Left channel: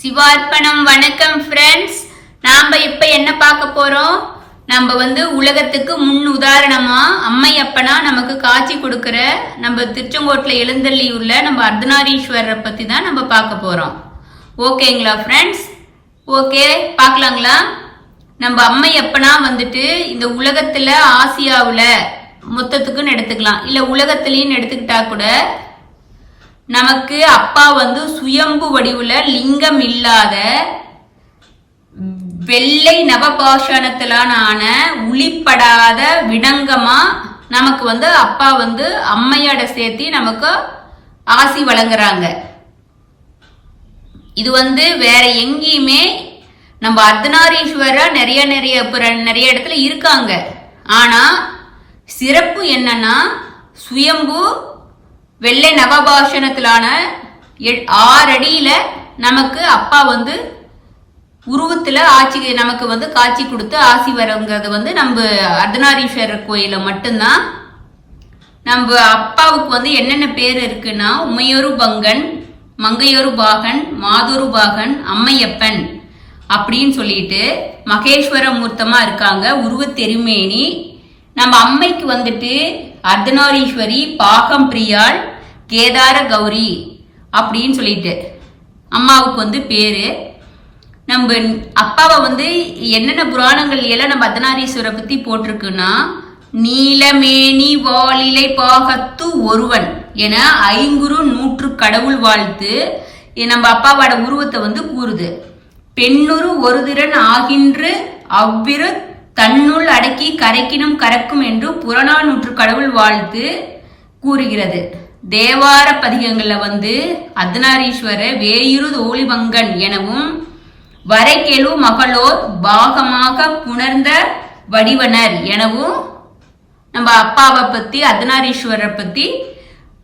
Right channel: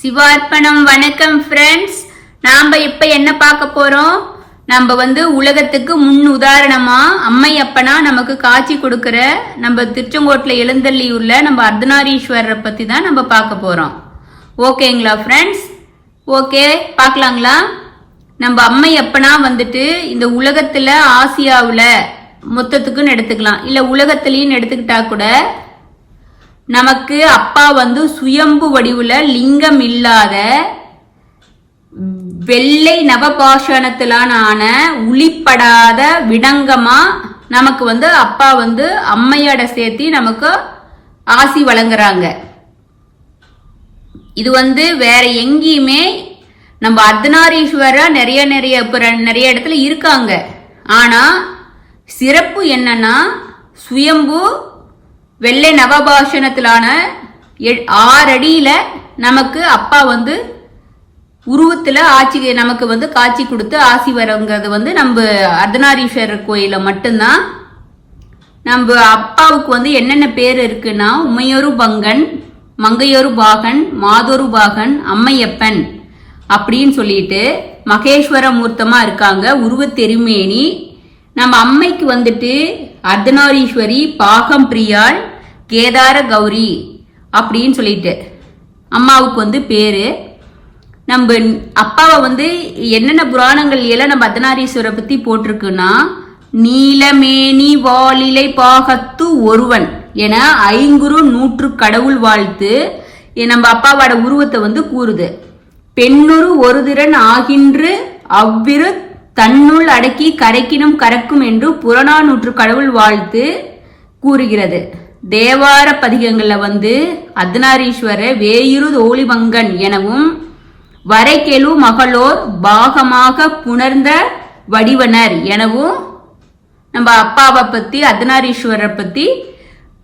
சிவார்ப்பணம். வணக்கம் ஃப்ரெண்ட்ஸ். நாம இப்ப என்ன பார்க்க போறோம்? நம்ம உலகத்துக்கு முன் உதாரணமா அம்மையப்பனா நமக்கு காட்சி கொடுக்கிற நம்ம திருச்செங்கோட்டுல எழுந்தள்ளி உள்ள நம்ம அர்த்தநாரீஸ்வரரை பத்தி தான் நம்ம பார்க்க போறோம். ஓகேங்களா ஃப்ரெண்ட்ஸ்? ஓகே, பார்க்கலாங்களா? நம்ம அம்மையப்பனா இந்த உலகத்துல ஆசியாவுல மொத்தத்துக்குன்னு எடுத்துக்கலாம், இல்ல உலகத்திலையும் எடுத்துக்கிட்டா கூட நமக்கு அப்பா சுயம்பு வடிவுல லிங்கம் இல்லாத வெள்ளை நவபாஷணத்திலான உளிப்படாத விடங்கமா நமக்கு அப்பா அம்மையோட சேர்த்தி நமக்கு ஆசி வழங்குறாங்க. இது வேற எங்கேயுமே நம்ம அர்த்தநாரீஸ்வரர் நிறைய இடத்துல இருக்காங்க. ஆனா சிறப்பு என்னன்னா சுயம்பு வெள்ளை நவபாஷணத்திலான 6 அடியில நமக்கு அப்பா உருவத்துல நமக்கு காட்சி கொடுத்து ஆசி வரங்கிறது நம்ம அர்த்தநாரீஸ்வரர் கோயில மட்டும்தான். நம்ம அப்பாவுக்கு என்னென்ன பேர் இருக்குன்னா உமையொரு பங்கன், மங்கையொரு பாகன், மாதொரு பாகன், அம்மையப்பன் அப்படின்னு சொல்லிட்டு மகேஸ்வர மூர்த்தமா இருக்காங்க. உருவத்தெருமேனி. நம்ம அம்மைக்கு அர்த்தநாரீஸ்வரி, பாகம் பிரியாள், கேதார கௌரி அப்படின்னு சொல்லிட்டு அம்மாவுக்கு பேரு. நம்ம அப்பாவை என்னென்ன புராணங்கள் எல்லாம் நம்ம அர்த்தநாரீஸ்வரை பத்தி போட்டிருக்குன்னா நீலமேனி வாலிலை பாகத்து ஒருவன் என 500 கடவுள் வாழ்த்து நம்ம அப்பாவோட உருவத்தை கூறுது. பெண்ணுரு ஒரு திறன் ஆகின்று அவ்விரு தன்னுள் அடக்கி கரைக்கினும் கறக்கும் என்று புறநானூற்று கடவுள் வாழ்த்து கூறுகிறது. தேவார பதிகங்கள்ல அர்த்தநாரீஸ்வர வேயுரு தோழிவங்கன் எனவும் வரைக்கெழு மகளோர் பாகமாக புணர்ந்த வடிவனர் எனவும் நம்ம அப்பாவை பத்தி அர்த்தநாரீஸ்வரரை பத்தி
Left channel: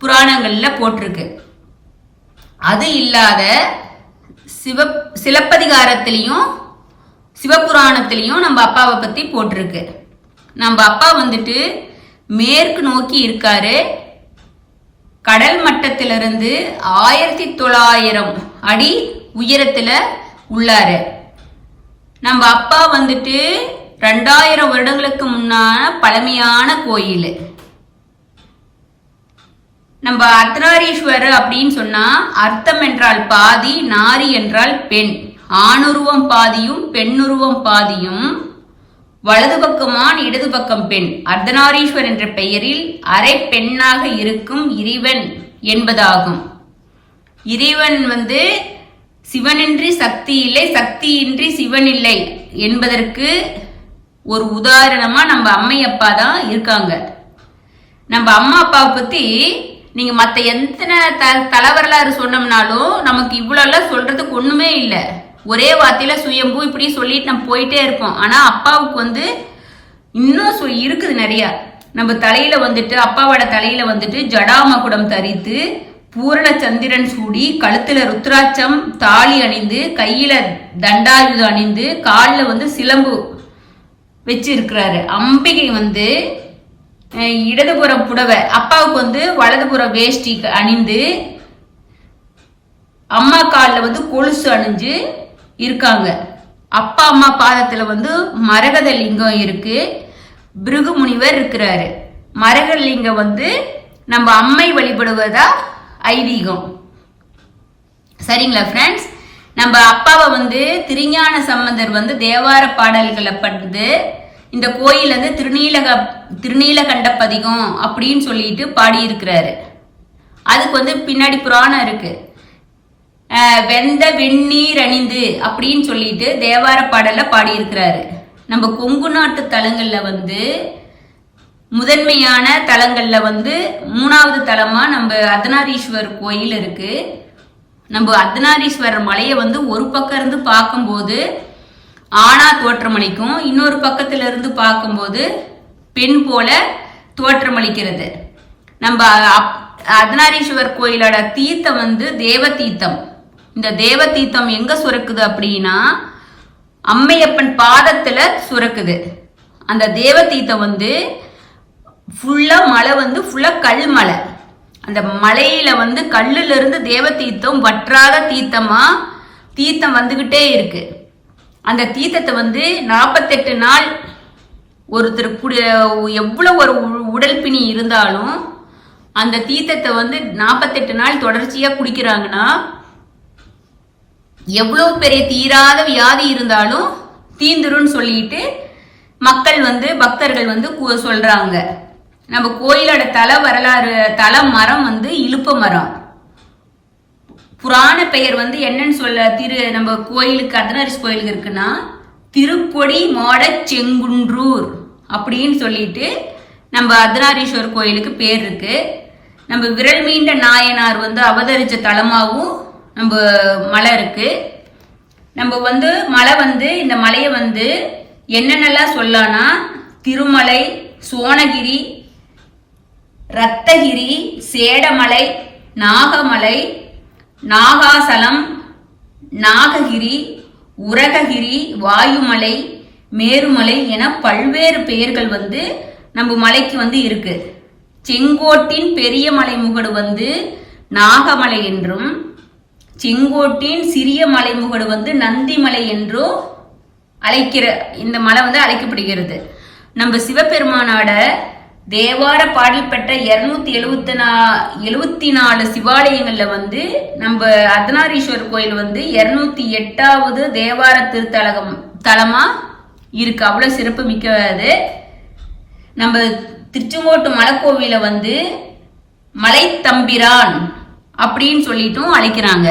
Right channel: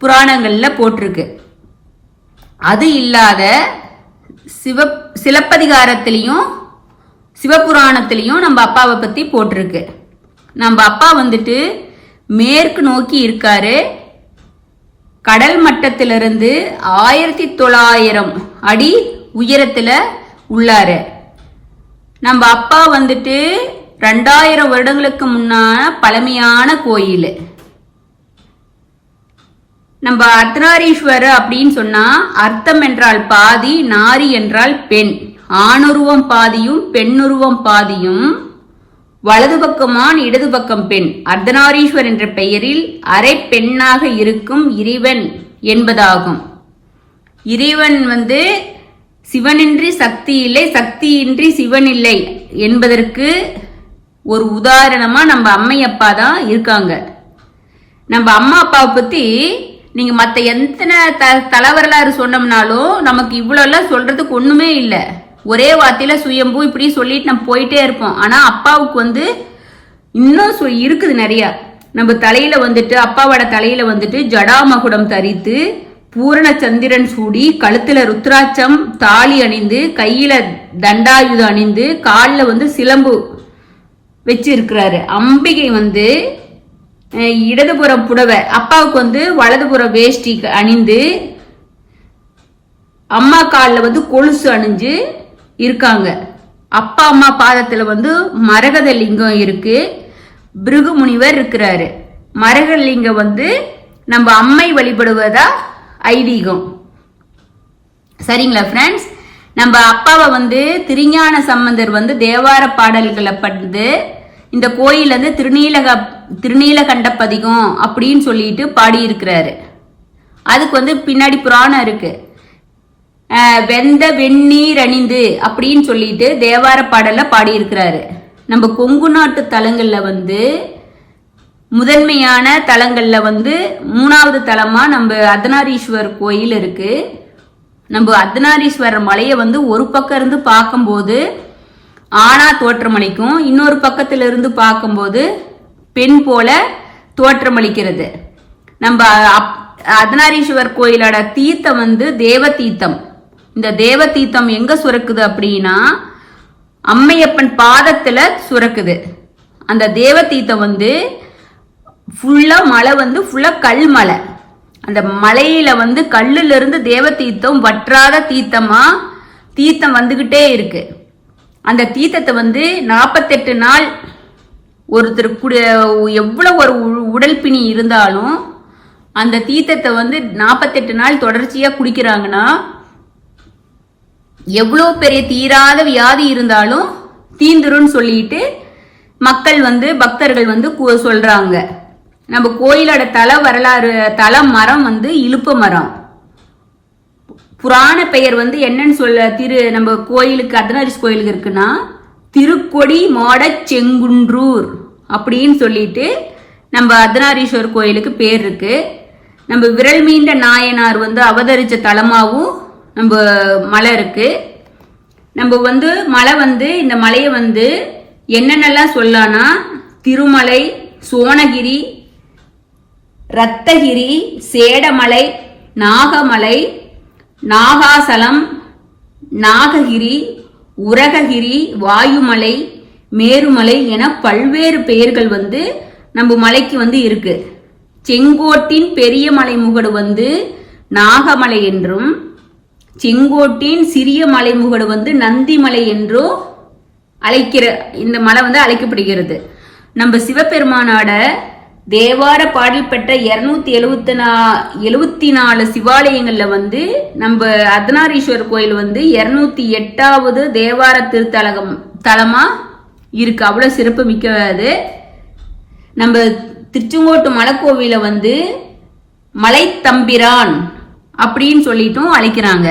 புராணங்கள்ல போட்டிருக்கு. அது இல்லாத சிலப்பதிகாரத்திலையும் சிவபுராணத்திலையும் நம்ம அப்பாவை பத்தி போட்டிருக்கு. நம்ம அப்பா மேற்கு நோக்கி இருக்காரு. கடல் மட்டத்திலிருந்து 1900 அடி உயரத்துல உள்ளாரு. நம்ம அப்பா 2000 வருடங்களுக்கு முன்னான பழமையான கோயில். நம்ம அர்த்தநாரீஸ்வரர் அப்படின்னு சொன்னா அர்த்தம் என்றால் பாதி, நாரி என்றால் பெண். ஆணுருவம் பாதியும் பெண்ணுருவம் பாதியும், வலது பக்கமான் இடது பக்கம் பெண். அர்த்தநாரீஸ்வர் என்ற பெயரில் அரை பெண்ணாக இருக்கும் இறைவன் என்பதாகும். இறைவன் சிவனின்றி சக்தி இல்லை, சக்தியின்றி சிவன் இல்லை என்பதற்கு ஒரு உதாரணமா நம்ம அம்மையப்பா தான் இருக்காங்க. நம்ம அம்மா அப்பாவை பத்தி நீங்க மத்த எத்தனை தலைவரலாறு சொன்னோம்னாலும் நமக்கு இவ்வளவு சொல்றதுக்கு ஒண்ணுமே இல்லை. ஒரே வார்த்தையில சுயம்பு இப்படி சொல்லிட்டு நம்ம போயிட்டே இருப்போம். ஆனா அப்பாவுக்கு இன்னும் இருக்குது நிறைய. நம்ம தலையில அப்பாவோட தலையில ஜடாமகுடம் தரித்து பூரண சந்திரன் சூடி, கழுத்துல ருத்ராட்சம் தாலி அணிந்து, கையில தண்டாயுதம் அணிந்து, காலில் சிலம்பு வச்சு இருக்கிறாரு. அம்பிகை இடதுபுறம் புடவை, அப்பாவுக்கு வலதுபுற வேஷ்டி அணிந்து, அம்மா காலில் கொலுசு அணிஞ்சு இருக்காங்க. அப்பா அம்மா பாதத்துல மரகத லிங்கம் இருக்கு. பிருகு முனிவர் இருக்கிறாரு. மரகத லிங்கம் நம்ம அம்மை வழிபடுவதா ஐதீகம். சரிங்களா ஃப்ரெண்ட்ஸ்? நம்ம அப்பாவை திருஞான சம்பந்தர் தேவார பாடல்களை படுத்து இந்த கோயில் திருநீலகண்ட பதிகம் அப்படின்னு சொல்லிட்டு பாடி இருக்கிறாரு. அதுக்கு பின்னாடி புராணம் இருக்கு. வெந்த வெந்நீர் அணிந்து அப்படின்னு சொல்லிட்டு தேவார பாடல்ல பாடி இருக்கிறாரு. நம்ம கொங்கு நாட்டு தலங்கள்ல முதன்மையான தலங்கள்ல 3வது தலமா நம்ம அர்த்தநாரீஸ்வரர் கோயில் இருக்கு. நம்ம அர்த்தநாரீஸ்வரர் மலையை ஒரு பக்கம் இருந்து பார்க்கும்போது ஆணா தோற்றமளிக்கும், இன்னொரு பக்கத்துல இருந்து பார்க்கும்போது பெண் போல தோற்றமளிக்கிறது. நம்ம அர்த்தநாரீஸ்வரர் கோயிலோட தீர்த்தம் தேவ தீர்த்தம். இந்த தேவ தீர்த்தம் எங்க சுரக்குது அப்படின்னா அம்மையப்பன் பாதத்துல சுரக்குது. அந்த தேவ தீர்த்தம் ஃபுல்லா மலை ஃபுல்லா கல் மலை. அந்த மலையில கல்லுல இருந்து தேவ தீர்த்தம் வற்றாத தீர்த்தமா தீர்த்தம் வந்துகிட்டே இருக்கு. அந்த தீர்த்தத்தை வந்து 48 நாள் ஒருத்தர் எவ்வளவு ஒரு உடல் பிணி இருந்தாலும் அந்த தீர்த்தத்தை வந்து 48 நாள் தொடர்ச்சியா குடிக்கிறாங்கன்னா எவ்வளவு பெரிய தீராத வியாதி இருந்தாலும் தீந்துருன்னு சொல்லிட்டு மக்கள் வந்து பக்தர்கள் வந்து சொல்றாங்க. நம்ம கோயிலோட தல மரம் வந்து இலுப்ப மரம். புராண பெயர் வந்து என்னன்னு சொல்ல நம்ம கோயிலுக்கு அர்த்தநாரீஸ்வரர் கோயிலுக்கு இருக்குன்னா திருக்கொடி மாட செங்குன்றூர் அப்படின்னு சொல்லிட்டு நம்ம அர்த்தநாரீஸ்வரர் கோயிலுக்கு பேர் இருக்கு. நம்ம விரல் மீண்ட நாயனார் வந்து அவதரிச்ச தலமாவும் நம்ம மலை இருக்கு. நம்ம வந்து மலை வந்து இந்த மலையை வந்து என்னென்னலாம் சொல்லலாம்னா திருமலை, சோனகிரி, ரத்தகிரி, சேடமலை, நாகமலை, நாகாசலம், நாககிரி, உரககிரி, வாயுமலை, மேருமலை என பல்வேறு பெயர்கள் வந்து நம்ம மலைக்கு வந்து இருக்கு. செங்கோட்டின் பெரிய மலை முகடு வந்து நாகமலை என்றும் செங்கோட்டின் சிறிய மலைமுகடு வந்து நந்திமலை என்றும் இந்த மலை வந்து அழைக்கப்படுகிறது. நம்ம சிவபெருமானோட தேவார பாடல் பெற்ற 274 சிவாலயங்கள்ல வந்து நம்ம அர்த்தநாரீஸ்வரர் கோயில் வந்து 208வது தேவார தலமா இருக்கு. அவ்வளவு சிறப்பு மிக்கது. நம்ம திருச்செங்கோட்டு மலைக்கோவில வந்து மலைத்தம்பிரான் அப்படின்னு சொல்லிட்டும் அழைக்கிறாங்க.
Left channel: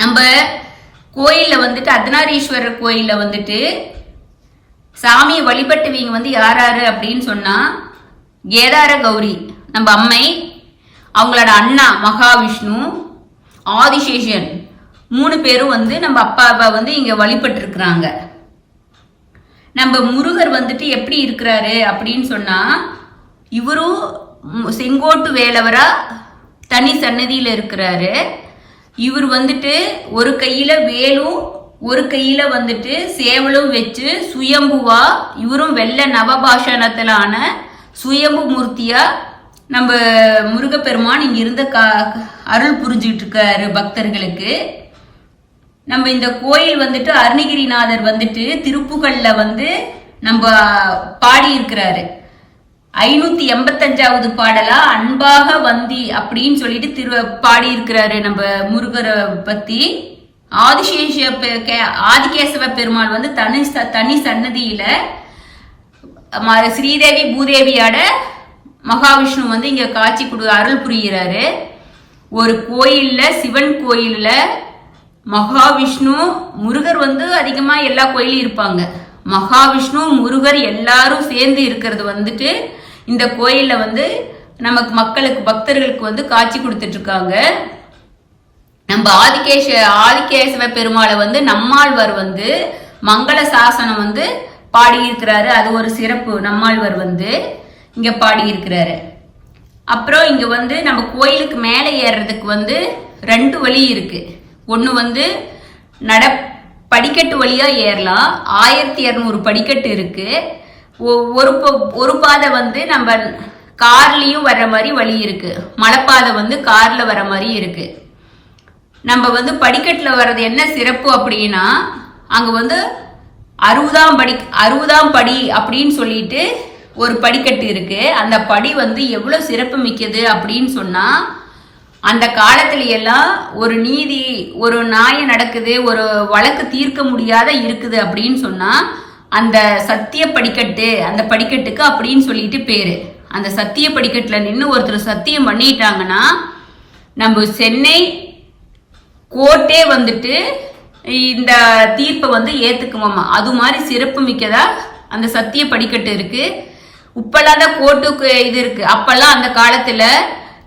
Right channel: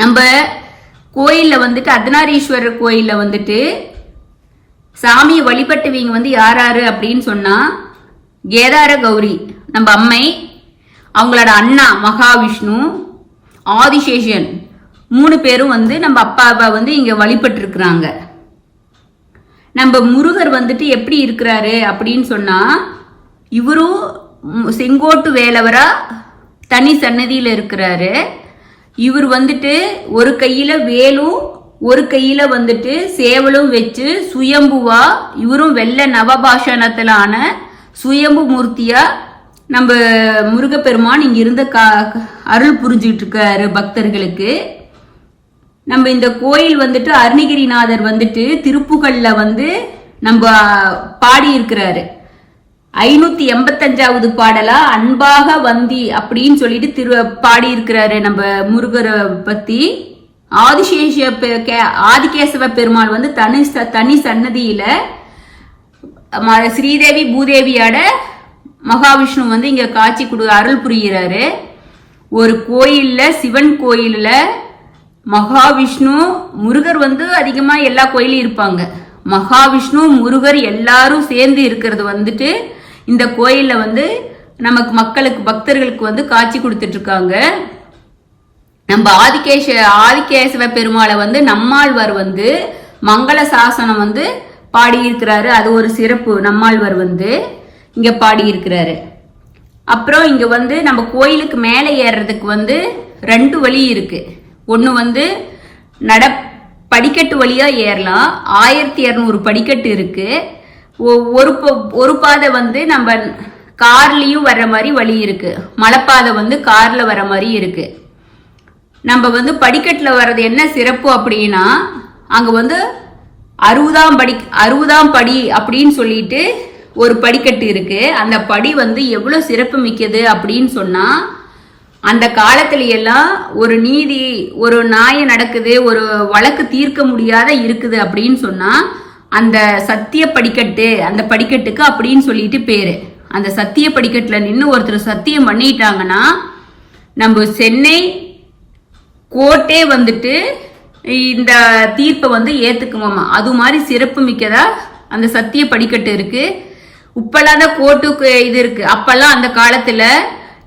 நம்ம கோயில்ல வந்துட்டு அர்த்தநாரீஸ்வரர் கோயில்ல வந்துட்டு சாமியை வழிபட்டவங்க வந்து யாராரு அப்படின்னு சொன்னா கேதார கௌரி நம்ம அம்மை, அவங்களோட அண்ணா மகாவிஷ்ணு, ஆதிசேஷன் 3 பேரும் வந்து நம்ம அப்பாவை வந்து இங்க வழிபட்டு இருக்கிறாங்க. நம்ம முருகர் வந்துட்டு எப்படி இருக்கிறாரு அப்படின்னு சொன்னா இவரும் செங்கோட்டு வேலவரா தனி சன்னதியில இருக்கிறாரு. இவர் வந்துட்டு ஒரு கையில வேலும் ஒரு கையில வந்துட்டு சேவலும் வச்சு சுயம்புவா இவரும் வெள்ள நவபாஷணத்திலான சுயம்பு மூர்த்தியா நம்ம முருகப்பெருமான் இங்க இருந்து அருள் புரிஞ்சுட்டு இருக்காரு பக்தர்களுக்கு. நம்ம இந்த கோயில் வந்துட்டு அருணகிரிநாதர் வந்துட்டு திருப்புகள்ல வந்து நம்ம பாடி இருக்கிறாரு. 585வது பாடலா அன்பாக வந்தி அப்படின்னு சொல்லிட்டு பாடி இருக்கிறாரு நம்ம முருகரை பத்தி. ஆதிகேசவ பெருமாள் வந்து தனி சன்னதியில ஸ்ரீதேவி பூதேவியோட மகாவிஷ்ணு வந்து இங்க காட்சி அருள் புரிகிறாரு. ஒரு கோயில்ல சிவன் கோயில்ல மகாவிஷ்ணு முருகர் வந்து அதிகமா எல்லா கோயிலும் இருப்பாங்க. மகாவிஷ்ணு முருகர் எல்லாரும் சேர்ந்து இருக்கிறது வந்துட்டு இந்த கோயில்ல வந்து நமக்கு மக்களுக்கு பக்தர்களுக்கு வந்து காட்சி கொடுத்துட்டு இருக்காங்க. நம்ம ஆதிகேசவ பெருமாளை வந்து நம்மாழ்வார் வந்து மங்கள சாசனம் வந்து பாடியிருக்கிறாரு. அது ஒரு சிறப்பு. நம்மாழ்வார் வந்து இங்க பாடியிருக்கிறாரு. அப்புறம் இங்க வந்து நம்ம கோயிலுக்கு மேலே ஏறுறதுக்கு வந்து 2 வழி இருக்கு. ஒன்று வந்து படிக்கட்டு வழியா ஏறலாம். 1200 படிக்கட்டு இருக்கு. ஒரு பாதை வந்து நம்ம கார்லயும் வர்ற மாதிரி வழி இருக்கு. மலைப்பாதை வந்து கார்ல வர மாதிரி இருக்கு. நம்ம வந்து படிக்கட்டுல வர்றது என்ன சிறப்பு அப்படின்னா அங்க வந்து 60ஆம் படி அப்படின்னு சொல்லிட்டு ஒரு படிக்கட்டு இருக்கு. அந்த படி வந்து எவ்வளவு சிறப்பு மிக்கது அப்படின்னு சொன்னா அந்த காலத்துல எல்லாம் ஒரு நியாயம் நடக்குது, ஒரு வழக்கு தீர்க்க முடியாத இருக்குது அப்படின்னு சொன்னா அந்த சத்திய படிக்கட்டு, அந்த படிக்கட்டுக்கு அப்படின்னு சொல்லிட்டு பேரு. அந்த சத்திய படிக்கட்டுல நின்று ஒருத்தர் சத்தியம் பண்ணிட்டாங்கன்னா நம்ம சென்னை கோர்ட்டே வந்துட்டு இந்த தீர்ப்பை வந்து ஏத்துக்குவோமா. அது மாதிரி சிறப்பு மிக்கதா அந்த சத்திய படிக்கட்டு இருக்கு. இப்பெல்லாம் தான் கோர்ட்டுக்கு இது இருக்கு. அப்பெல்லாம் அந்த காலத்துல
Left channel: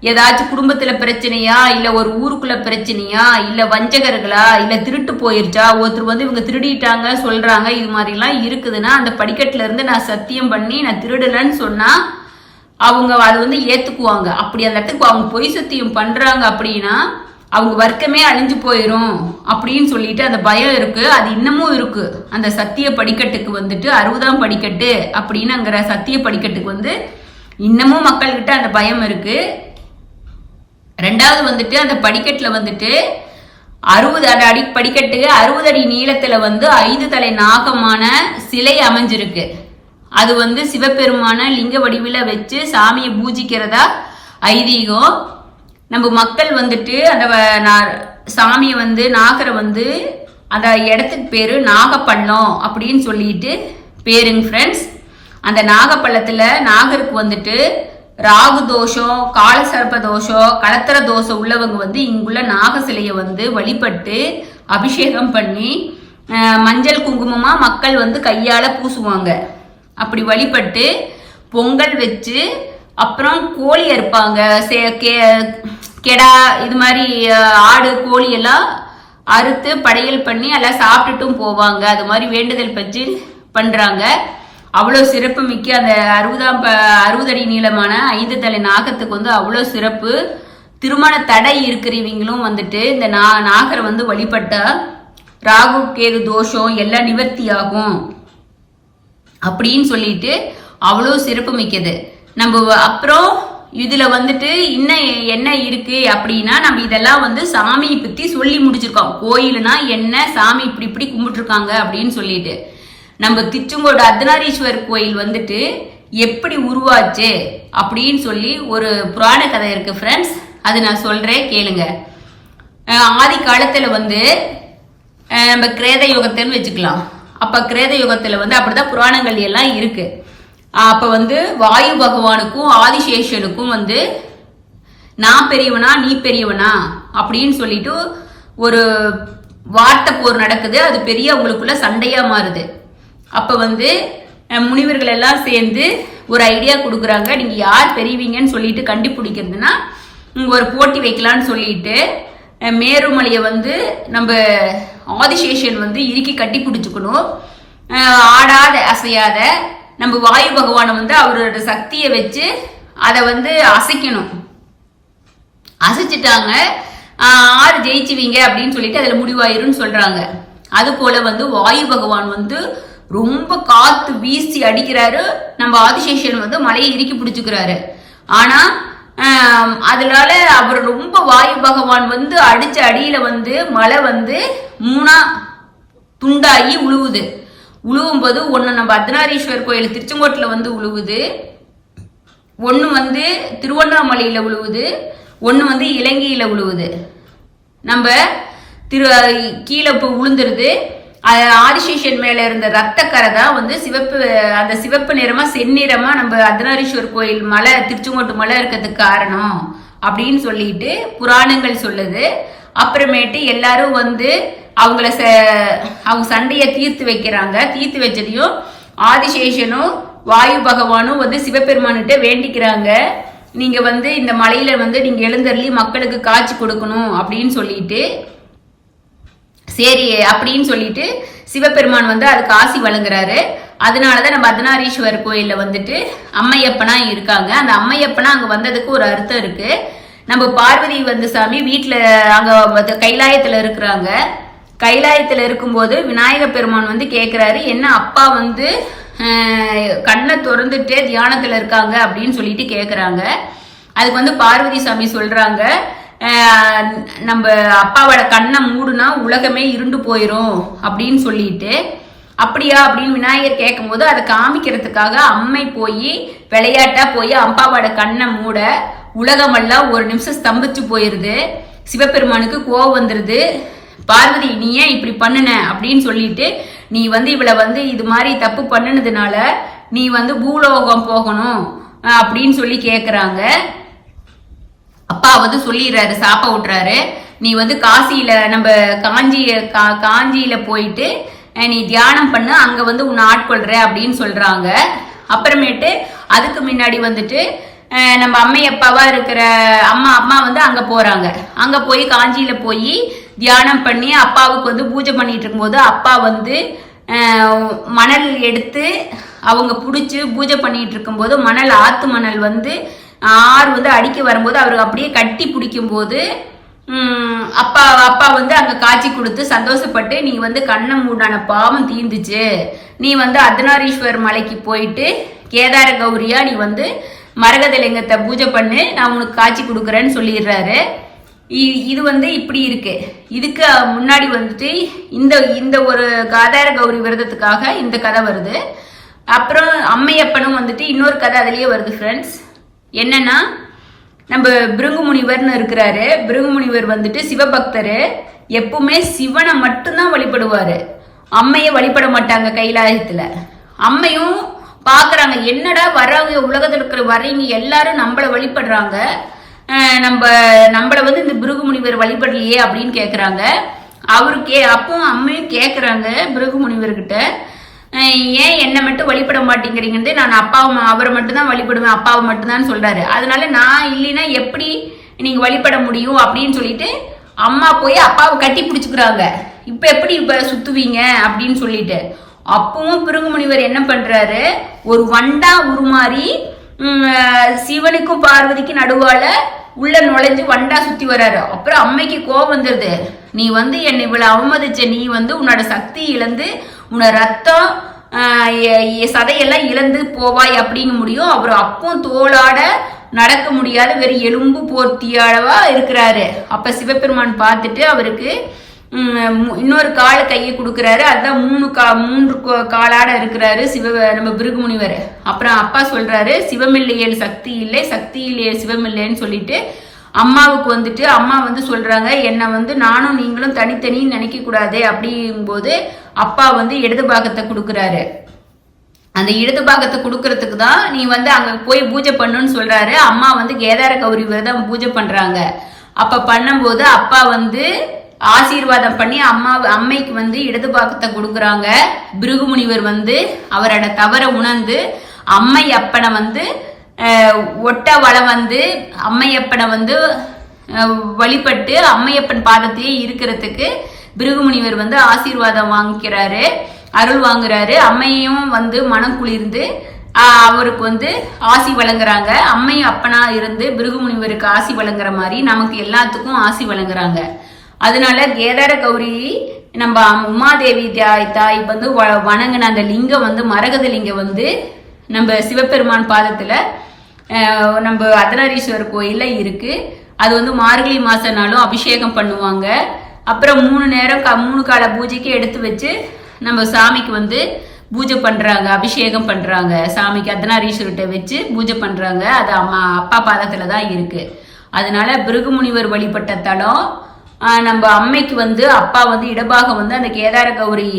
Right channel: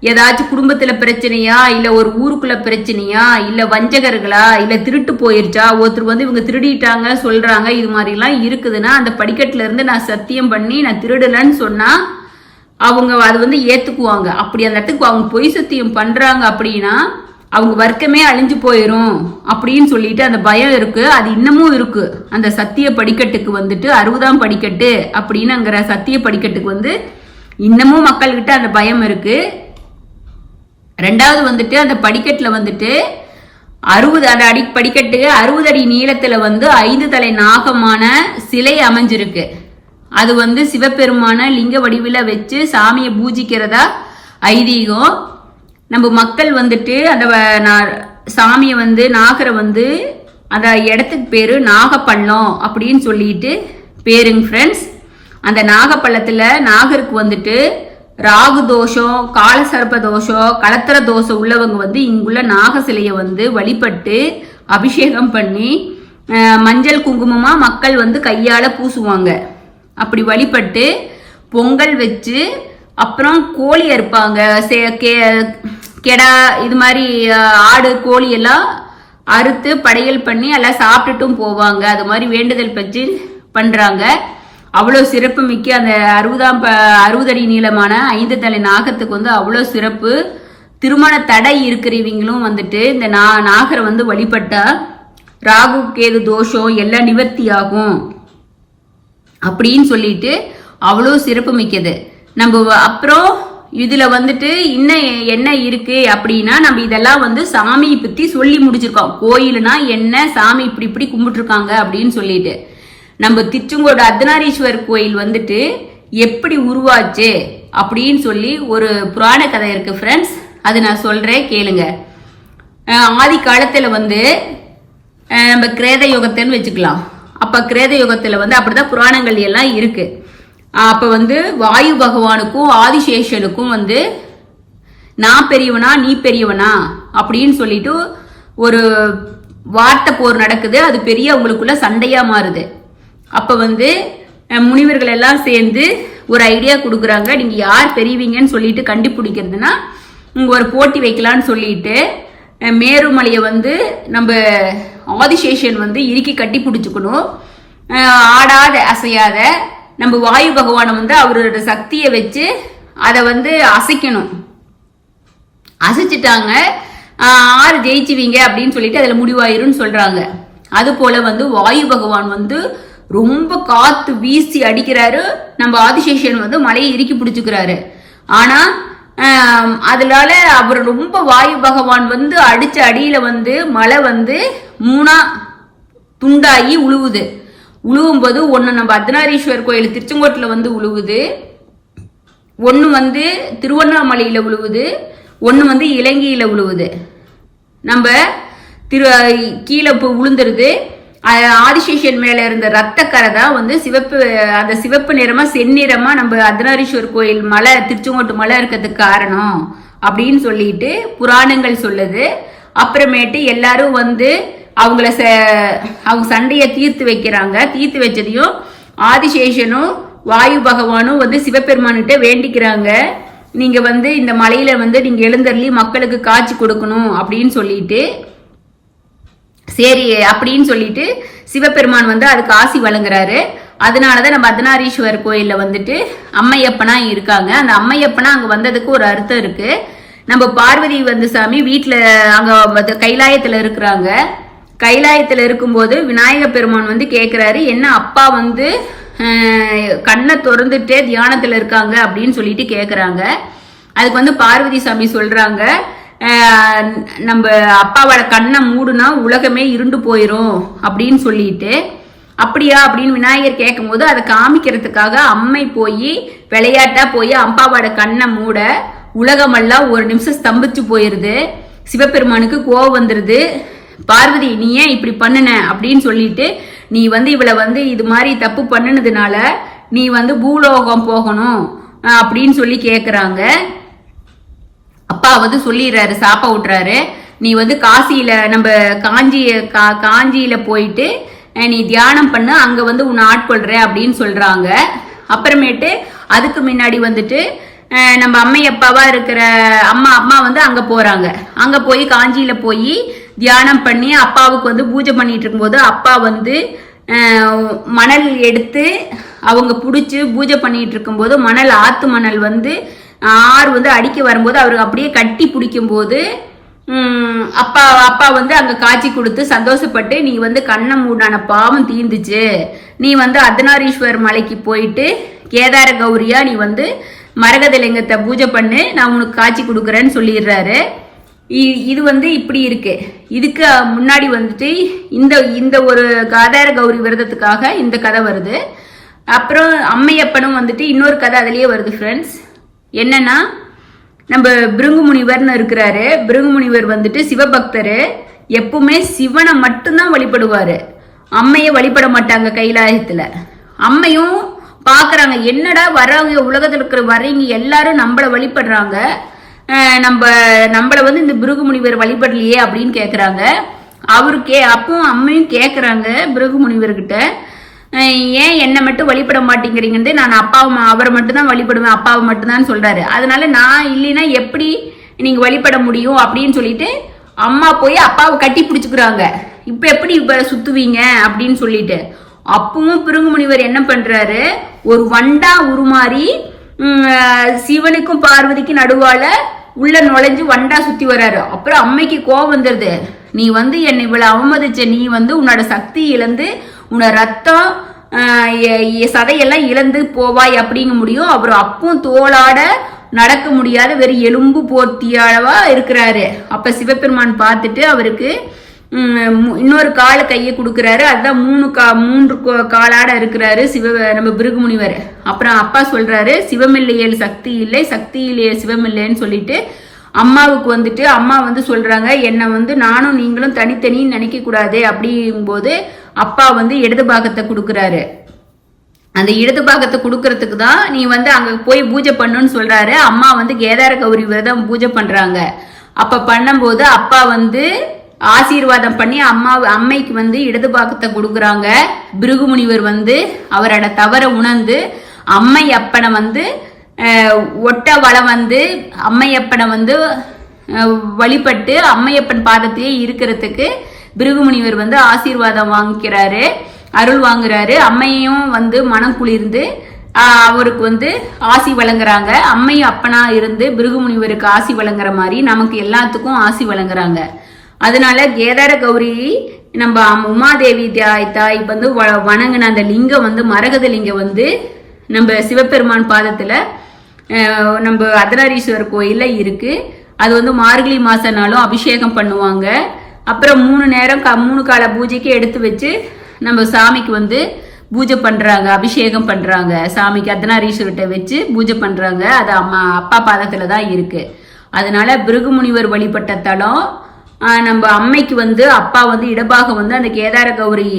ஏதாச்சும் குடும்பத்துல பிரச்சனையா, இல்ல ஒரு ஊருக்குள்ள பிரச்சனையா, இல்ல வஞ்சகர்களா, இல்ல திருட்டு போயிருச்சா, ஒருத்தர் வந்து இவங்க திருடிட்டாங்க சொல்றாங்க, இது மாதிரி எல்லாம் இருக்குதுன்னா அந்த படிக்கட்டுல இருந்து நான் சத்தியம் பண்ணி நான் திருடலன்னு சொன்னா அவங்க அது வந்து ஏத்துக்குவாங்க. அப்படி அந்த இடத்துக்கு அவங்க பொய் சத்தியம் பண்றாங்க அப்படின்னா அவங்க வர்க்கமே அழிஞ்சு போயிரும் அப்படின்னு சொல்லிட்டு அந்த பயம் இருக்கு. அது இன்னமும் இருக்கு. அந்த சத்திய படிக்கட்டுக்கு வந்துட்டு 60ஆம் படிக்கட்டு அப்படின்னுங்கிற சத்திய படிக்கட்டுக்கு வந்து இன்னமும் மக்கள்கிட்ட அந்த பயம் இருக்கு. 2வது வந்துட்டு அந்த படிக்கட்டுல வந்துட்டு 60 படிக்கட்டுக்கு 60 அடி நீளத்துல வந்து 5 தலை நாகமான சிலை அமைஞ்சிருக்கு. அது வந்து சிவபெருமான லிங்க வடிவில வச்சு சாமியை பூஜிக்கிறதா ஐதீகம். நம்ம மக்கள் வந்துட்டு அந்த சாமியை வந்து நாகரை வந்து அந்த இடத்துக்கு பேரு நாகப்பள்ளம் அப்படின்னு சொல்லிட்டு பேருங்க ஃப்ரெண்ட்ஸ். அந்த நாகப்பள்ளத்துல நாகருக்கு வந்துட்டு ராகு தோஷம், காலசர்ப்ப தோஷம், கலத்திர தோஷம் உள்ளவங்க வந்து இங்குள்ள நாக சிலையை வந்து வழிபட்டு அபிஷேகம் பண்ணி மஞ்சள் குங்குமமா மக்கள் வந்து கையால பூசுவாங்க. அப்படி வழிபட்டு பொங்கல் வச்சு அப்புறம் கோழி அறுப்பாங்க. கெடா இது மாதிரி ஆடு கோழி எல்லாம் அறுத்து படையல் பண்ணி எல்லாம் சாப்பிட்டுட்டும் போவாங்க. அது மாதிரி வேண்டுதல் பற்றி பண்றாங்க. அவ்வளோ சிறப்பு மிக்க அந்த 60 அடி நீளமான 5 தலை நாகத்துக்கு வந்து அவ்வளோ சிறப்பு. திருமண தடை இருக்கிறவங்களும் வந்துட்டு இந்த நாகரை வந்து வழிபட்டா ராகு கேது தோஷம் எல்லாம் நிவர்த்தி ஆகும் அப்படின்னு சொல்லிட்டு அவ்வளோ சிறப்பு மிக்கது. நம்ம அப்புறம் இதுல வந்துட்டு இன்னும் என்ன இருக்கு அப்படின்னா, நம்ம இதெல்லாம் வந்து சாமியை பத்தி சொல்லி முடிச்சிருக்கோம். கோயிலுனா என்ன, சாமி இப்படி இப்படி கும்பிட்டுருக்காங்க அப்படின்னு சொல்லிட்டு. நம்ம திருச்செங்கோடு அர்த்தநாரீஸ்வரர் கோயில் வந்துட்டு எப்படி உருவாச்சு அப்படின்னு சொல்லி ஒரு புராண கதை இருக்கு ஃப்ரெண்ட்ஸ். அது நான் சொல்றேன் கேளுங்க. ஆதி காலத்துல வந்து நம்ம கிரேத யுகத்தைன்னு வச்சுக்கலாம். அப்ப கிரேத யுகத்துல வந்து அப்படிதான் புராணங்கள் எல்லாம் இருக்கு. அப்ப வந்து வாயு பகவானுக்கும் ஆதிசேஷனுக்கும் வந்து நான் பெரியவனா நீ பெரியவனா அப்படின்னு சொல்லிட்டு ஒரு வார்த்தை போர் நடக்குது. அது பெரிய அவங்களுக்குள்ள சண்டையா மாறுது. அப்ப வந்து முனிவர்கள் எல்லாம் சேர்ந்து ஒரு ஐடியா கொடுக்குறாங்க. நீங்க யார் பெரியவீங்கன்னு சொல்லிட்டு கண்டுபிடிக்கிறதுனா ஒரு போட்டி வைக்கலான்னு சொல்லிட்டு மேருமலையை வந்து நம்ம ஆதிசேஷன் வந்து இறுக்கி கட்டி பிடிச்சுக்கணும். ஆடாத அசையாத நம்ம வாயு பகவானை வந்து அவரோட சக்தியை வச்சு அதை வந்து அசைக்கணும். அசைச்சிட்டாங்க. ஆறு ஜெயிச்சுவீங்க அப்படின்னு சொல்லிட்டு அதுல முடிவாயிருன்னு சொல்றாங்க. அது போல வந்து வாயு பகவான் வந்து ரொம்ப காத்து வீசி அடிக்கிறாரு. நம்ம ஆதிசேஷன் வந்து மலையை இறுக்கி பிடிச்சுக்கிறாரு. ஆனா அதனால அவர் ரொம்ப வாயு பகவான் வந்து அடிச்ச அடியில வந்து மலை வந்து 3 துண்டாகி உழுவுது. உழுவும்போது ஒன்னு நம்ம அர்த்தநாரீஸ்வரர் கோயில் திருச்செங்கோட்டில் வந்து உழுவுது, ஒன்னு வந்து திருவண்ணாமலையில உழுவுது, ஒன்னு வந்து இலங்கையில உழுவுது. நம்ம கீழே உளுந்துருது. ஆதிசேஷன் மேல இருந்த ரத்தக்கரை தான் வந்து அந்த சிவப்பு நிறமா செந்நிறமா நம்ம அர்த்தநாரீஸ்வரர் கோயில் மலை திருச்செங்கோட்டு மலை இருக்கிறதுக்கு காரணம் அப்படின்னு சொல்லிட்டு புராணங்கள் சொல்லுது. அப்புறமேட்டு எல்லாரும் வந்து அவங்க சண்டையை தீர்த்து வைக்கிறாங்க. தீர்த்து வச்சதையும் ஆதிசேஷனும் வாயு பகவானும் வந்து சிவபெருமான்கிட்ட வேண்டிக்கிறாங்க. நீங்க வந்து இந்த மலையில வந்து நீங்க எழுந்தருளி மக்களுக்கு காட்சி கொடுக்கணும் அப்படின்னு சொல்லிட்டு, சரி அப்படின்னு சொல்லிட்டு சிவபெருமான் வந்து அதுக்கு ஆசி வழங்குறாரு. அதனாலதான் நம்ம அர்த்தநாரீஸ்வரர் கோயில்ல வந்துட்டு அம்மையப்பனா இருக்காங்க. அந்த அம்மையப்பனா அங்க வந்ததுக்கு ஒரு அர்த்தம் இருக்கு. நம்ம பார்வதி வந்து சாமி வீட்டுல அங்க கைலாயத்துல இருக்கிறாங்க. கைலாயத்துல இருக்கும்போது விநாயக பெருமான் வந்து கேக்குறாரு, என்ன அப்பா வந்து கண்ணை திறந்துட்டே தியானத்துல இருக்காங்க அப்படின்னு சொல்லிட்டு கேக்குறாங்க. அதுக்கு வந்து பார்வதி சாமி சொல்றாங்க, நம்ம அப்பாவோட கண்ணை மூடுனா உலகமே இருண்டு போயிரும் அப்படின்னு சொல்லிட்டு. அப்படியா அப்படின்னு விநாயகர் கேட்கும் போது அதை காமிக்கிறதுக்காக அம்மை போய் விளையாட்டா போய் அப்பாவோட கண்ணை மூட உலகமெல்லாம் ஒரு நிமிஷம் ஸ்தம்பிச்சு போயிருது. சிவபெருமானுக்கு கோவம் வந்துருது. பார்வதி நீ ஏன் இப்படி பண்ணுன அப்படின்னு சொல்லிட்டு, நீ வந்து இவளை வந்து இது மாதிரி தப்பு பண்ணுனதுனால நீ வந்து பூலோகம் போகணும் அப்படின்னு சொல்லி கேக்குறாங்க. அப்பா வந்து சொல்லிடுறாரு, சாப்ப விட்டுறாரு, நீ வந்து காசியில நம்ம காஞ்சியில போயிட்டு நீ தியானம் பண்ணு, அங்க வந்து உன்னை ஆட்கொள்ற அப்படின்னு சொல்றாங்க. அப்புறமேட்டு அதுக்கு முன்னாடி வந்துட்டு நம்ம அம்மையப்பாவா இருக்கிற அம்மா வந்து அங்க போறாங்க. அங்க போய் காஞ்சியில போய் தியானம் பண்ணி அப்பாவுக்கு வந்து பூஜை பண்ணிட்டு இருக்கும்போது அப்பா வந்து மணல் எடுத்து அவங்க பிடிச்சி பூஜை பண்ணிட்டு இருக்கும்போது மணல் ஆத்து மணல் வந்து ஆறு வந்து அடிக்க வரும்போது அவருக்கு அப்படியே கட்டி பிடிக்கும் போது அப்பா வந்து அங்க காட்சி கொடுத்து சந்தோஷப்பட்டு, நீ வந்து கண்ணை மூடான பாவம் தீர்ந்துச்சு, நீ வந்து அர்த்தநாரீஸ்வரர் மலைக்கு போயிட்டு கேதார கௌரியா நீ வந்து மரகத லிங்கத்தை பூஜை பண்ணு, நான் உனக்கு காட்சி கொடுக்குறேன்னு சொல்லிடுறாரு. இது வந்து இப்படி இருக்கு. இதுக்கு முன்னாடி வந்துட்டு இந்த ஒரு காதார கௌரி விரதத்துக்காக இந்த கதை வருது. அப்புறம் அம்மையப்பனும் வந்துட்டு இன்னொரு கதை அதுலயே வருது ஃப்ரெண்ட்ஸ். என்னன்னா, நம்ம பிருங்கு முனிவர்னு இருக்கிறாரு. பிருங்கு முனிவர் வந்துட்டு சிவபக்தரு. எப்பவுமே சிவனை மட்டும்தான் வழிபடுவாரு. அம்மைய வழிபட மாட்டாங்க கைலாயத்துல. அம்மையும் பாக்குறாங்க, என்னடா வர்றவங்க உலகத்துல இருக்கிற வர்றீங்க எல்லாரும் நம்மள வழிபடுறாங்க, நம்மள வந்து இந்த பிருகு முனிவர் வழிபடலையே அப்படின்னு கேக்குறாங்க. அப்பவும் அம்மையும் கேக்குறாங்க பிருகு முனிவர்கிட்ட, ஏன் என்னை மட்டும் வழிபட மாட்டேங்கிறீங்கன்னு. நான் அவரை மட்டும்தான் வழிபடுவேன், அப்பாவை மட்டும்தான் சொல்றாரு. அதனால நான் இல்லைன்னா எப்படி நீங்க வழிபட முடியும் அப்படின்னு சொல்லிட்டு அம்மா போய் அப்பாவை கட்டி பிடிச்சுக்கிறாங்க. இப்ப எப்படி இப்ப சுத்துவீங்க அப்படின்னு சொல்லிட்டு. அப்பவும் பிருகு முனிவர் என்ன பண்றாரு, ஒரு வண்டா உருமாறி சிவனுக்கும் பார்வதிக்கும் நடுவால உள்ள நுழைஞ்சு வண்டா சுத்தி வர்றாரு. அப்புறம் அம்மைக்கு கோபம் வந்துருது, நீ வந்து என்னை இவ்வளவு அவமதிச்ச, நீ வந்து உன்னோட சக்தி இழந்து உன்னோட ரத்தம் சதையெல்லாம் இழந்து போவாய் அப்படிங்க முடியும். அப்புறம் அப்பவும் தோளாட நடக்க முடியாத வெறும் எலும்பு போர்த்தியளவா இருக்கிறாரு. அப்ப சிவபெருமான் பார்த்துட்டு அவருக்கு இன்னொரு கால கையை கொடுக்கிறாரு. அதுதான் மூன்று காலாட இருக்கிறாரு நம்ம பிருகு முனிவர். அப்புறம் அப்பா சொல்றாரு, சிவமில்லையேல் சக்தி இல்லை, சக்தி இல்லையே சிவமில்லைன்னு சொல்லிட்டு அம்மாவுக்கு வந்துட்டு அம்மா வந்து சொல்றாங்க, என்னை வந்து நானும் நீங்களும் தனித்தனின்னு நினைக்க கூடாது அப்படிங்கும்போது அப்பா வந்து இடது பாகத்தை கொடுக்குறாரு. அந்த இடது பாகத்தை கொடுக்கறதுக்கு தான் நீ வந்து அங்க போய் பூஜை பண்ணுன்னு சொல்றாரு. அம்மா வந்து கேதார கௌரி விரதம் பூஜை பண்றாங்க. அப்ப பண்ணும்போது அப்பா வந்து ஆசீர்வாதம் பண்ணி அம்மைக்கு வந்து இடது பாகத்தை கொடுக்குறாங்க. பிருகு முனிவர் வந்து அவரோட தவற உணர்ந்து அம்மையப்பனை வந்து ஒட்ட வளம் வந்து அம்மையப்பனை வந்து வழிபட்டு அம்மையப்பன் பாதத்திலேயே இருக்கிறதுக்கு பிருகு முனிவர் வந்து ஆசீர்வாதம் வாங்கிக்கிறாரு, அருள் வாங்குறாரு. அம்மையும் வந்து மனம் குளிர்ந்து அவருக்கு வந்து ஆசி வழங்குறாங்க. அம்மையும் அப்பனா இருந்து பிருகு முனிவருக்கு ஆசி வழங்குற மாதிரி நமக்கு எல்லாத்துக்கும் ஆசி வழங்குறாங்க. அதனால கேதார கௌரி நம்ம உமாதேவி தாய் வந்து வணங்கின அந்த லிங்கம் வந்து மரகத லிங்கம் வந்து நம்ம சிவபெருமான் பாதத்துல நம்ம அர்த்தநாரீஸ்வரர் கோயில்ல இருக்கு. அது வந்து மார்கழி மாசம்னாலும் அபிஷேகம் பண்ணுவாங்க. அப்புறம் 3 நேரம் 3 கால பூஜைக்கு எடுத்து வச்சு நம்ம சாமிக்கு வந்து பூஜை பண்றாங்க, அபிஷேகம் பண்றாங்க. சாமிக்கு அர்த்தநாரீஸ்வரர்கிட்ட வச்சு பூஜை பண்றாங்க. அது அப்பா பாதத்துல தான் இருக்கு. அதனால பிருகு முனிவர் வழிபட்ட தலம். நம்ம அம்மைக்கு வந்து அப்பா வந்து இடபாகம் வந்து அந்த கேதார கௌரி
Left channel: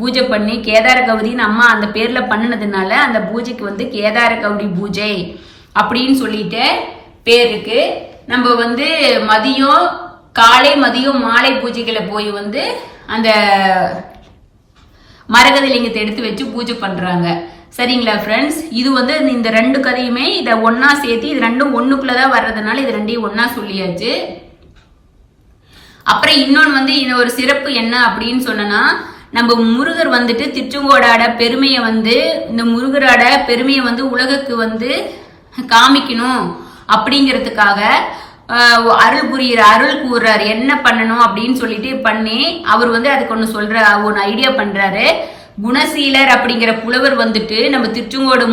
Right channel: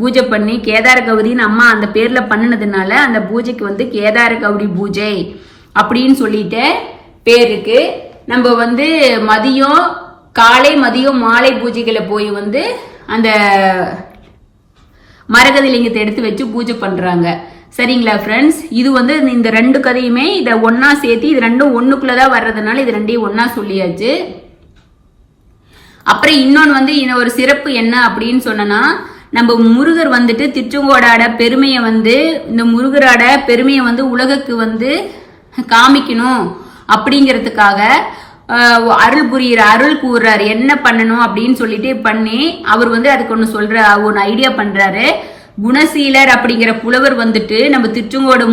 பூஜை பண்ணி கேதார கௌரின்னு அம்மா அந்த பேர்ல பண்ணினதுனால அந்த பூஜைக்கு வந்து கேதார கௌரி பூஜை அப்படின்னு சொல்லிட்டு பேர் இருக்கு. நம்ம வந்து காலை மதியம் மாலை பூஜைகளை போய் வந்து அந்த மரகத லிங்கத்தை எடுத்து வச்சு பூஜை பண்றாங்க. சரிங்களா ஃப்ரெண்ட்ஸ், இது வந்து இந்த 2 கதையுமே இதை ஒன்னா சேர்த்து இது ரெண்டும் ஒண்ணுக்குள்ளதான் வர்றதுனால இது ரெண்டையும் ஒன்னா சொல்லியாச்சு. அப்புறம் இன்னொன்னு வந்து ஒரு சிறப்பு என்ன அப்படின்னு சொன்னா, நம்ம முருகர் வந்துட்டு திருச்செங்கோடாட பெருமையை வந்து இந்த முருகரோட பெருமையை வந்து உலகுக்கு வந்து காமிக்கணும் அப்படிங்கிறதுக்காக அருள் கூறுறாரு. என்ன பண்ணணும் அப்படின்னு சொல்லிட்டு பண்ணி அவர் வந்து அதுக்கு ஒன்னு ஐடியா பண்றாரு. குணசீலர் அப்படிங்கிற புலவர் வந்துட்டு நம்ம திருச்செங்கோடு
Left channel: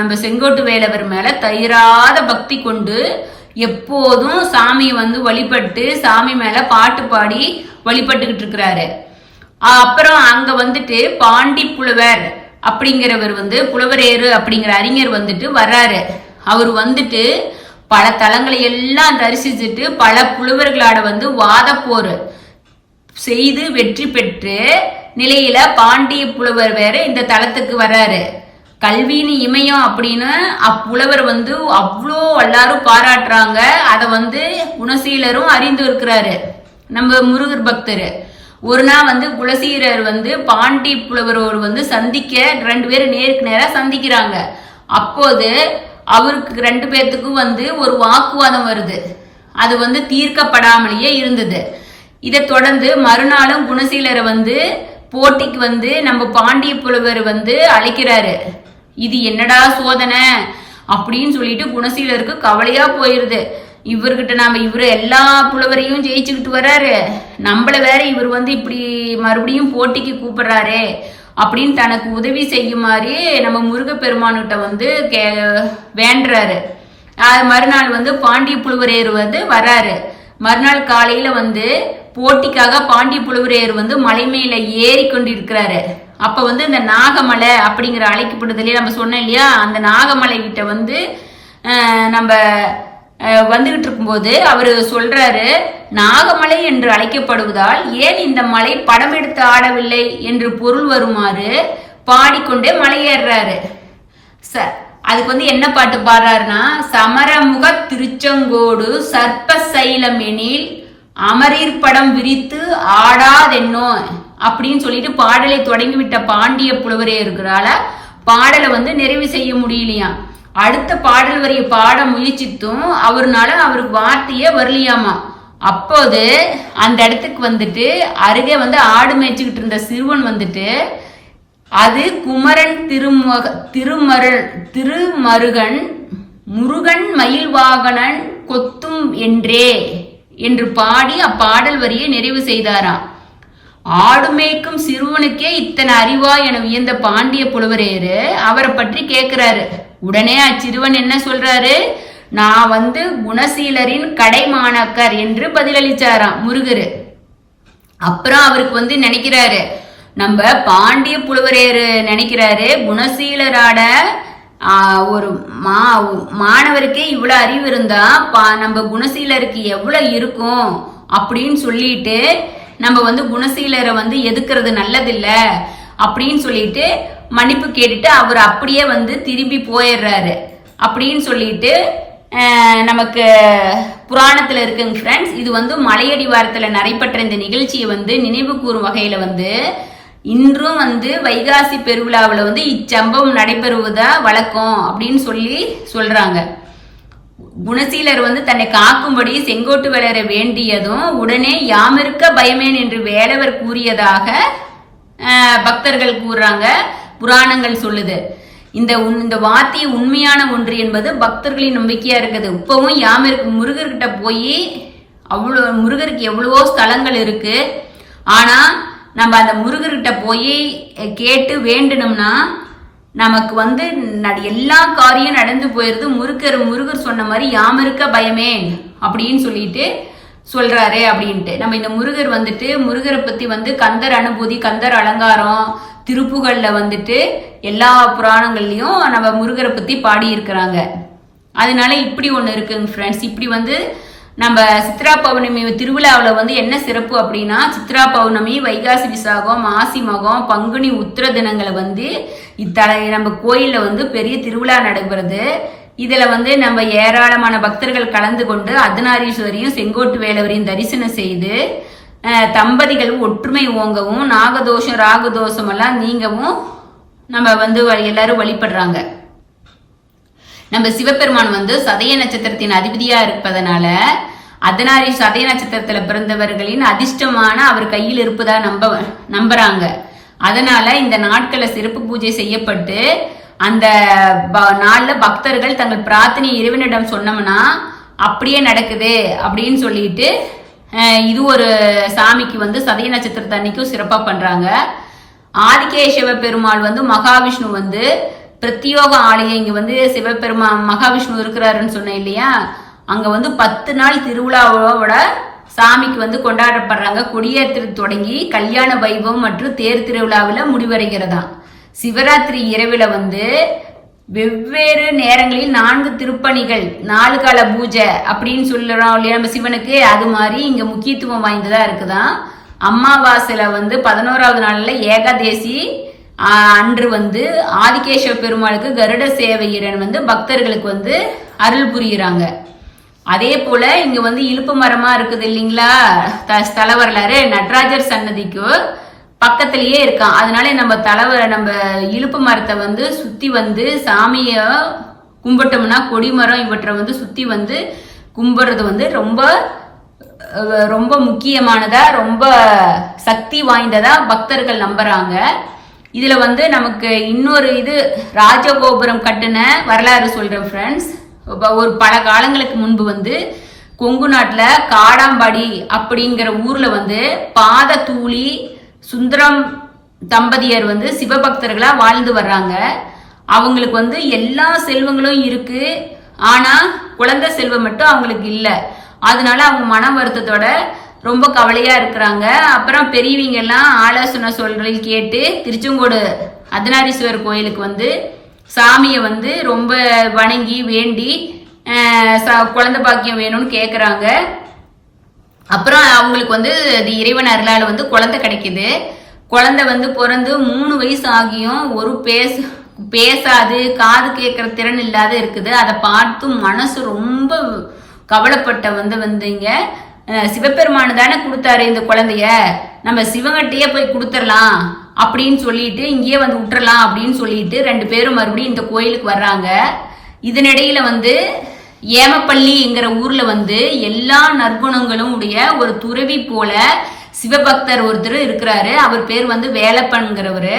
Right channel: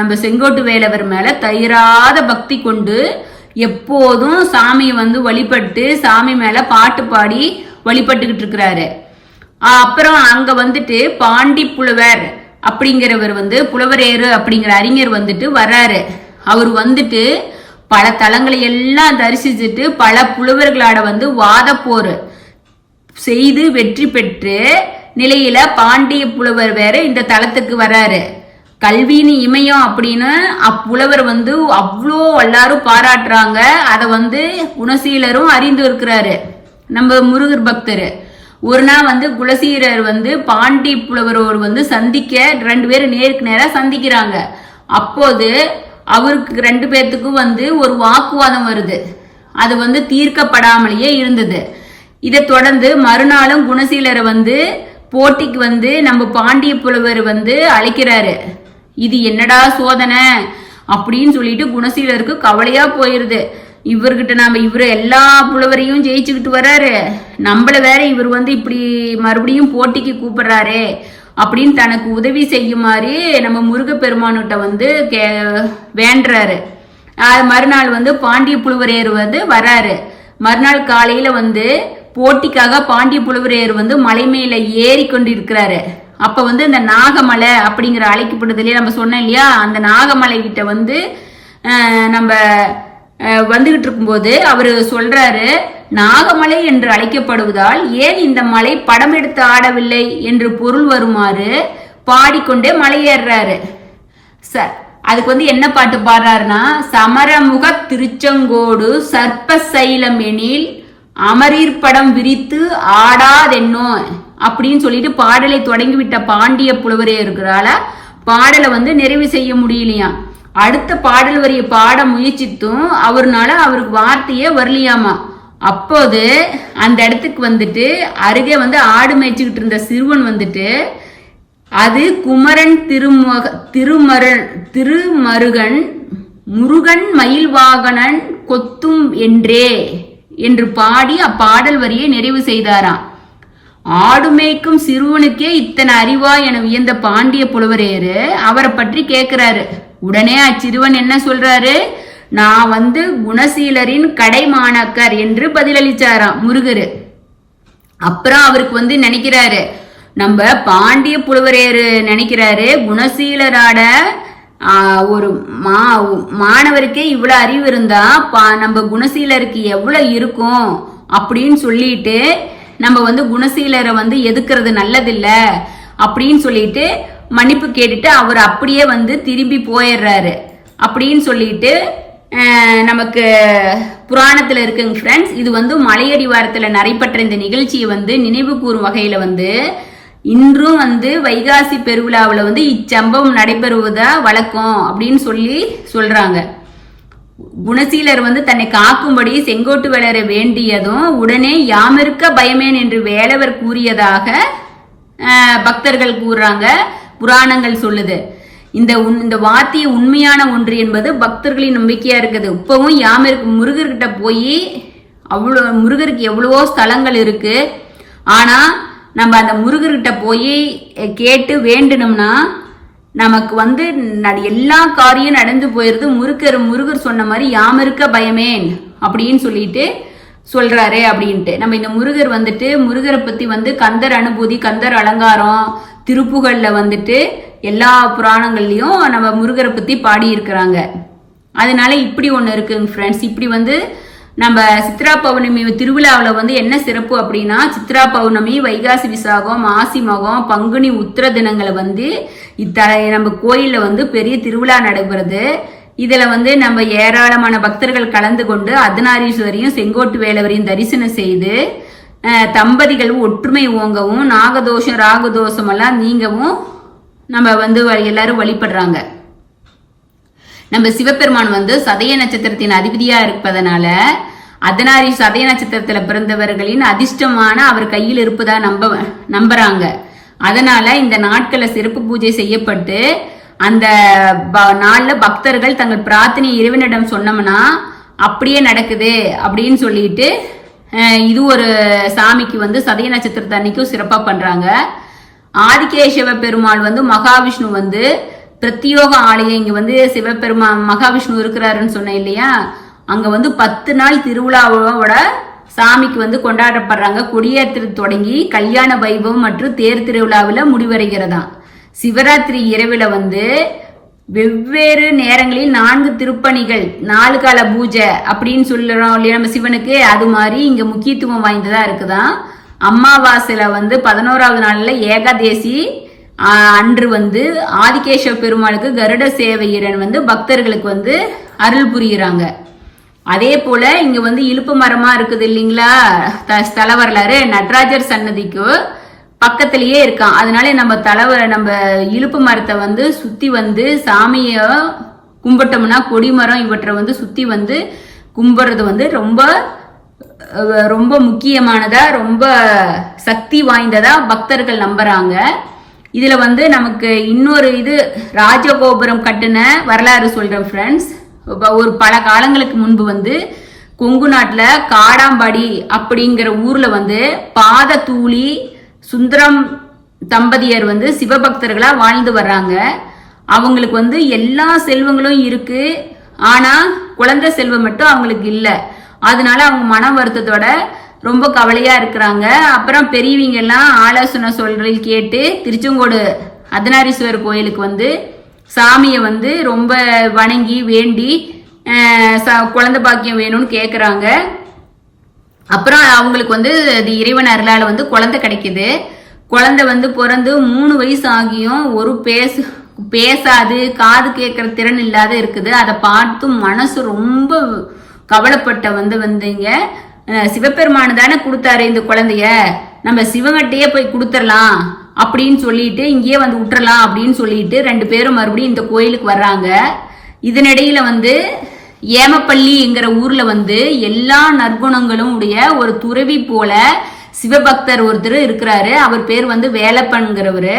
நம்ம செங்கோட்டு வேலவர் மேல தயிராத பக்தி கொண்டு எப்போதும் சாமியை வந்து வழிபட்டு சாமி மேல பாட்டு பாடி வழிபட்டுக்கிட்டு இருக்கிறாரு. அப்புறம் அங்க வந்துட்டு பாண்டி புலவர் அப்படிங்கிறவர் வந்து புலவரேறு அப்படிங்கிற அறிஞர் வந்துட்டு வர்றாரு. அவர் வந்துட்டு பல தலங்களை எல்லாம் தரிசிச்சுட்டு பல புலவர்களாட வந்து வாத போர் செய்து வெற்றி பெற்று நிலையில பாண்டிய புலவர் வேற இந்த தலத்துக்கு வர்றாரு. கல்வின்னு இமயம் அப்படின்னு அப்புலவர் வந்து அவ்வளோ எல்லாரும் பாராட்டுறாங்க. அதை வந்து குணசீலரும் அறிந்து இருக்கிறாரு நம்ம முருகர் பக்தர். ஒரு நாள் வந்து குலசீலர் வந்து பாண்டி புலவரோடு வந்து சந்திக்க 2 பேரும் நேருக்கு நேரா சந்திக்கிறாங்க. அப்போது அவருக்கு 2 பேர்த்துக்கும் வந்து ஒரு வாக்குவாதம் வருது. அது வந்து தீர்க்கப்படாமலேயே இருந்தது. இதை தொடர்ந்து மறுநாளும் குணசீலரை வந்து போட்டிக்கு வந்து நம்ம பாண்டிய புலவர் வந்து அழைக்கிறாரு. இது என்னடா சோதனை அப்படின்னு சொல்லிட்டு குணசீலருக்கு கவலையா போயிருது. இவர்கிட்ட இவரு எல்லா புலவரையும் ஜெயிச்சுக்கிட்டு வர்றாரு, நம்மள வேற இவர் வந்து இப்படி மறுபடியும் போட்டிக்கு கூப்பிடுறாரு அப்படின்னு தனக்கு உதவி செய்யுமாறு நம்ம முருகப்பெருமான்கிட்ட வந்து வேண்டுறாரு. மறுநாள் வந்து பாண்டிய புலவரேறு வந்து வர்றாரு. மறுநாள் காலையில வந்து போட்டிக்காக பாண்டிய புலவரையர் வந்து மலை மேல ஏறி கொண்டு இருக்கிறாரு. அப்ப வந்து இந்த நாகமலை அப்படிங்கிற அழைக்கப்படுது இல்லையா, நம்ம சொன்னோம் இல்லையா, அந்த நாகமலை கிட்ட வந்து நம்ம வந்துகிட்டு இருக்கும்போது அவரு சொல்றாரு, நாகமலை என்று அழைக்கப்படுவதால் ஏன் இந்த மலை படம் எடுத்து ஆடவில்லை என்று பொருள் வருமாறு பாடிக்கொண்டே மலை ஏறுறாரு. அதுக்கு வந்து என்ன பாட்டு பாடுறாருன்னா, சமரமுக திருச்செங்கோடு சர்ப்ப சைலம் எனில் அமரீர் படம் விரித்து ஆடாதென்னோ அப்படின்னு சொல்லிட்டு பாடலை தொடங்கிவிட்ட பாண்டிய புலவரே இருக்கிறால பாடலை வந்து நிறைவு செய்ய முடியலையா. அடுத்த பாடல் வரிய பாட முயற்சித்தும் அவருக்கு வார்த்தையே வரலையாமா. அப்போது அந்த இடத்துக்கு வந்துட்டு அருகே வந்து ஆடு மேய்ச்சிக்கிட்டு இருந்த சிறுவன் வந்துட்டு, அது குமரன் திருமருகன் முருகன் மயில் வாகனன் கொத்தும் என்றே என்று பாடி அப்பாடல் வரியை நிறைவு செய்தாராம். ஆடுமேய்க்கும் சிறுவனுக்கே இத்தனை அறிவா என வியந்த பாண்டிய புலவரேரு அவரை பற்றி கேட்கிறாரு. உடனே அச்சிறுவன் என்ன சொல்றாரு, நான் வந்து குணசீலரின் கடைமாணக்கர் என்று பதிலளிச்சாராம் முருகரு. அப்புறம் அவருக்கு வந்து நினைக்கிறாரு, நம்ம பாண்டிய புலவரேரு நினைக்கிறாரு, குணசீலராட ஒரு மாணவருக்கே இவ்வளவு அறிவு இருந்தா நம்ம குணசீலருக்கு எவ்வளவு இருக்கும் அப்படின்னு சொல்லிட்டு நம்ம வந்து குணசீலரை வந்து எதுக்குறது நல்லதில்ல அப்படின்னு சொல்லிட்டு மன்னிப்பு கேட்டுட்டு அவர் அப்படியே வந்து திரும்பி போயிடுறாரு. அப்படின்னு சொல்லிட்டு நமக்கு புராணத்துல இருக்குங்க ஃப்ரெண்ட்ஸ். இது வந்து மலையடிவாரத்துல நடைபெற்ற இந்த நிகழ்ச்சியை வந்து நினைவு கூறும் வகையில வந்து இன்றும் வந்து வைகாசி பெருவிழாவில் வந்து இச்சம்பவம் நடைபெறுவதா வழக்கம் அப்படின்னு சொல்றாங்க. குணசீலர் வந்து தன்னை காக்கும்படி செங்கோட்டு வேலரை வேண்டியதும் உடனே யாமிருக்க பயமேன் என்று வேலவர் கூறியதாக பக்தர்கள் கூறுறாங்க, புராணங்கள் சொல்லுது. இந்த வார்த்தையை உண்மையான ஒன்று என்பது பக்தர்களின் நம்பிக்கையா இருக்குது. இப்பவும் யாமிருக்கு முருகர்கிட்ட போய் முருகருக்கு எவ்வளவோ ஸ்தலங்கள் இருக்கு. ஆனா நம்ம அந்த முருகர்கிட்ட போய் கேட்டு வேண்டணும்னா நமக்கு வந்து எல்லா காரியம் நடந்து போயிருது. முருகர் சொன்ன மாதிரி யாமிருக்க பயமேன் அப்படின்னு சொல்லிட்டு சொல்றாரு அப்படின்ட்டு. நம்ம இந்த முருகர் வந்துட்டு முருகரை பத்தி வந்து கந்தர் அனுபூதி, கந்தர் அலங்காரம், திருப்புகள்ல வந்துட்டு எல்லா புராணங்கள்லயும் நம்ம முருகரை பத்தி பாடி இருக்கிறாங்க. அதனால இப்படி ஒண்ணு இருக்குங்க ஃப்ரெண்ட்ஸ். இப்படி வந்து நம்ம சித்ரா பௌர்ணமி திருவிழாவில் வந்து என்ன சிறப்பு அப்படின்னா, சித்ரா பௌர்ணமி, வைகாசி விசாகம், மாசி மகம், பங்குனி உத்திர தினங்களை வந்து நம்ம கோயில்ல வந்து பெரிய திருவிழா நடைபெறுது. இதுல வந்து நம்ம ஏராளமான பக்தர்கள் கலந்து கொண்டு அர்த்தநாரீஸ்வரியும் செங்கோட்டு வேலவரையும் தரிசனம் செய்து தம்பதிகள் ஒற்றுமை ஓங்கவும் நாகதோஷம் ராகதோஷம் எல்லாம் நீங்கவும் நம்ம வந்து எல்லாரும் வழிபடுறாங்க. நம்ம சிவபெருமான் வந்து சதய நட்சத்திரத்தின் அதிபதியா இருப்பதனால அர்த்தநாரி சதய நட்சத்திரத்துல பிறந்தவர்களின் அதிர்ஷ்டமான அவர் கையில் இருப்பதா நம்புறாங்க. அதனால இந்த நாட்களை சிறப்பு பூஜை செய்யப்பட்டு அந்த நாள்ல பக்தர்கள் தங்கள் பிரார்த்தனை இறைவனிடம் சொன்னோம்னா அப்படியே நடக்குது அப்படின்னு சொல்லிட்டு இது ஒரு சாமிக்கு வந்து சதய நட்சத்திரத்தை அன்னைக்கும் சிறப்பா பண்றாங்க. ஆதிகேசவ பெருமாள் வந்து மகாவிஷ்ணு வந்து பிரத்யோக ஆலயம் இங்க வந்து சிவபெருமான் மகாவிஷ்ணு இருக்கிறாருன்னு சொன்னேன் இல்லையா, அங்க வந்து 10 நாள் திருவிழாவோட சாமிக்கு வந்து கொண்டாடப்படுறாங்க. கொடியேற்று தொடங்கி கல்யாண வைபவம் மற்றும் தேர் திருவிழாவில் முடிவடைகிறதா. சிவராத்திரி இரவுல வந்து வெவ்வேறு நேரங்களில் 4 திருப்பணிகள், 4 கால பூஜை அப்படின்னு சொல்லுறோம் இல்லையா நம்ம சிவனுக்கு, அது மாதிரி இங்க முக்கியத்துவம் வாய்ந்ததா இருக்குதான். அமாவாசையில வந்து 11வது நாள்ல ஏகாதேசி அன்று வந்து ஆதிகேசவ பெருமாளுக்கு கருட சேவையரன் வந்து பக்தர்களுக்கு வந்து அருள் புரியுறாங்க. அதே போல இங்க வந்து இலுப்பு மரமா இருக்குது இல்லைங்களா, ஸ்தல வரலாறு நடராஜர் சன்னதிக்கு பக்கத்திலேயே இருக்கான். அதனால நம்ம இலுப்பு மரத்தை வந்து சுத்தி வந்து சாமிய கும்பிட்டோம்னா கொடிமரம் இவற்றை வந்து சுத்தி வந்து கும்பிடுறது வந்து ரொம்ப ரொம்ப முக்கியமானதா, ரொம்ப சக்தி வாய்ந்ததா பக்தர்கள் நம்புறாங்க. இதுல வந்து நமக்கு இன்னொரு இது ராஜகோபுரம் கட்டின வரலாறு சொல்றேன் ஃப்ரெண்ட்ஸ். ஒரு பல காலங்களுக்கு முன்பு வந்து கொங்கு நாட்டுல காடாம்பாடி அப்படிங்கிற ஊர்ல வந்து பாதத்தூளி சுந்தரம் தம்பதியர் வந்து சிவபக்தர்களா வாழ்ந்து வர்றாங்க. அவங்களுக்கு வந்து எல்லா செல்வங்களும் இருக்கு, ஆனா குழந்தை செல்வம் மட்டும் அவங்களுக்கு இல்ல. அதனால அவங்க மன வருத்தத்தோட ரொம்ப கவலையா இருக்கிறாங்க. அப்புறம் பெரியவங்க எல்லாம் ஆலோசனை சொல்றது கேட்டு திருச்செங்கோடு அர்த்தநாரீஸ்வரர் கோயிலுக்கு வந்து சாமியை வந்து ரொம்ப வணங்கி வேண்டி குழந்தை பாக்கியம் வேணும்னு கேட்குறாங்க. அப்புறம் அவங்களுக்கு வந்து இறைவன் அருளால் வந்து குழந்தை கிடைக்குது. குழந்தை வந்து பிறந்து 3 வயசு ஆகியும் ஒரு பேசாது, காது கேட்கற திறன் இல்லாத இருக்குது. அதை பார்த்து மனசு ரொம்ப கவலைப்பட்ட வந்தீங்க. சிவபெருமானு தானே கொடுத்தாரு இந்த குழந்தைய, நம்ம சிவகட்டையே போய் கொடுத்துடலாம் அப்படின்னு சொல்லிட்டு இங்கேயே வந்து விட்டுறலாம் அப்படின்னு சொல்லிட்டு 2 பேரும் மறுபடியும் இந்த கோயிலுக்கு வர்றாங்க. இதனிடையில வந்து ஏமப்பள்ளிங்கிற ஊர்ல வந்து எல்லா நற்குணங்களும் உடைய ஒரு துறவி போல சிவபக்தர் ஒருத்தர் இருக்கிறாரு. அவர் பேர் வந்து வேலப்பன்கிறவரு.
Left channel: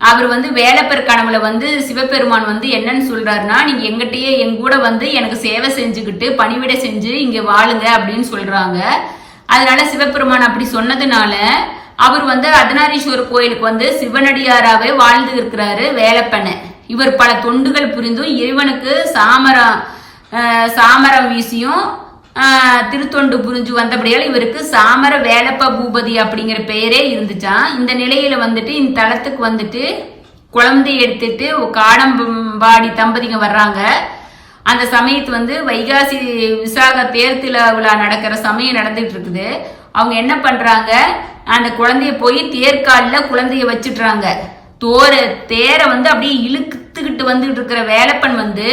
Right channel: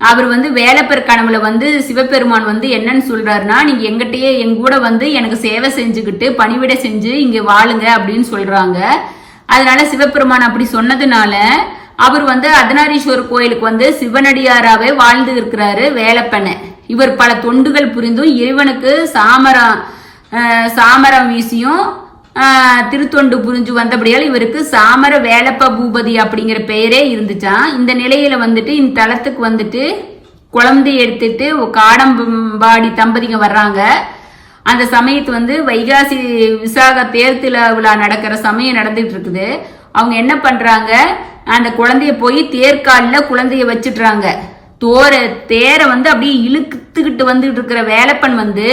அவர் வந்து வேலப்பர் கனவுல வந்து சிவபெருமான் வந்து என்னன்னு சொல்றாருன்னா, நீங்க எங்கிட்டயே எங்கூட வந்து எனக்கு சேவை செஞ்சுக்கிட்டு பணிவிடை செஞ்சு இங்க வாழுங்க அப்படின்னு சொல்றாங்க. அதனால சிவபெருமான் அப்படி சொன்னதுனால அவர் வந்து அர்த்தநாரீஸ்வரர் கோயிலுக்கு வந்து சிவனடியாராவே வாழ்ந்து இருக்கிறாரு வேலப்பன். இவர் பல தொண்டுகள் புரிந்தும் இறைவனுக்கு சாமரம் வீசியும் திருத்தொண்டு புரிஞ்சு வந்தபடியால் இவருக்கு சாமர வேலப்ப பூபதி அப்படிங்கிற பெயரே இருந்துச்சான். இந்த நிலையில வந்துட்டு இந்த தலத்துக்கு வந்துட்டு குழந்தை எடுத்துட்டு காடம்பாடி தம்பதிங்க வர்றாங்க. அந்த சமயத்து வந்து வைகாசி விசாக தேர் விழா நடக்கிற சமயம் நடந்துட்டு இருக்குது. அவங்க என்ன பண்றாங்க, அந்த குழந்தைய போய் தேர்காலில் குழந்தைய வச்சுட்டுறாங்க. தேரை வந்து அப்படியே இழுத்துக்கிட்டு வந்துட்டு இருக்கிற வேலப்பன் வந்து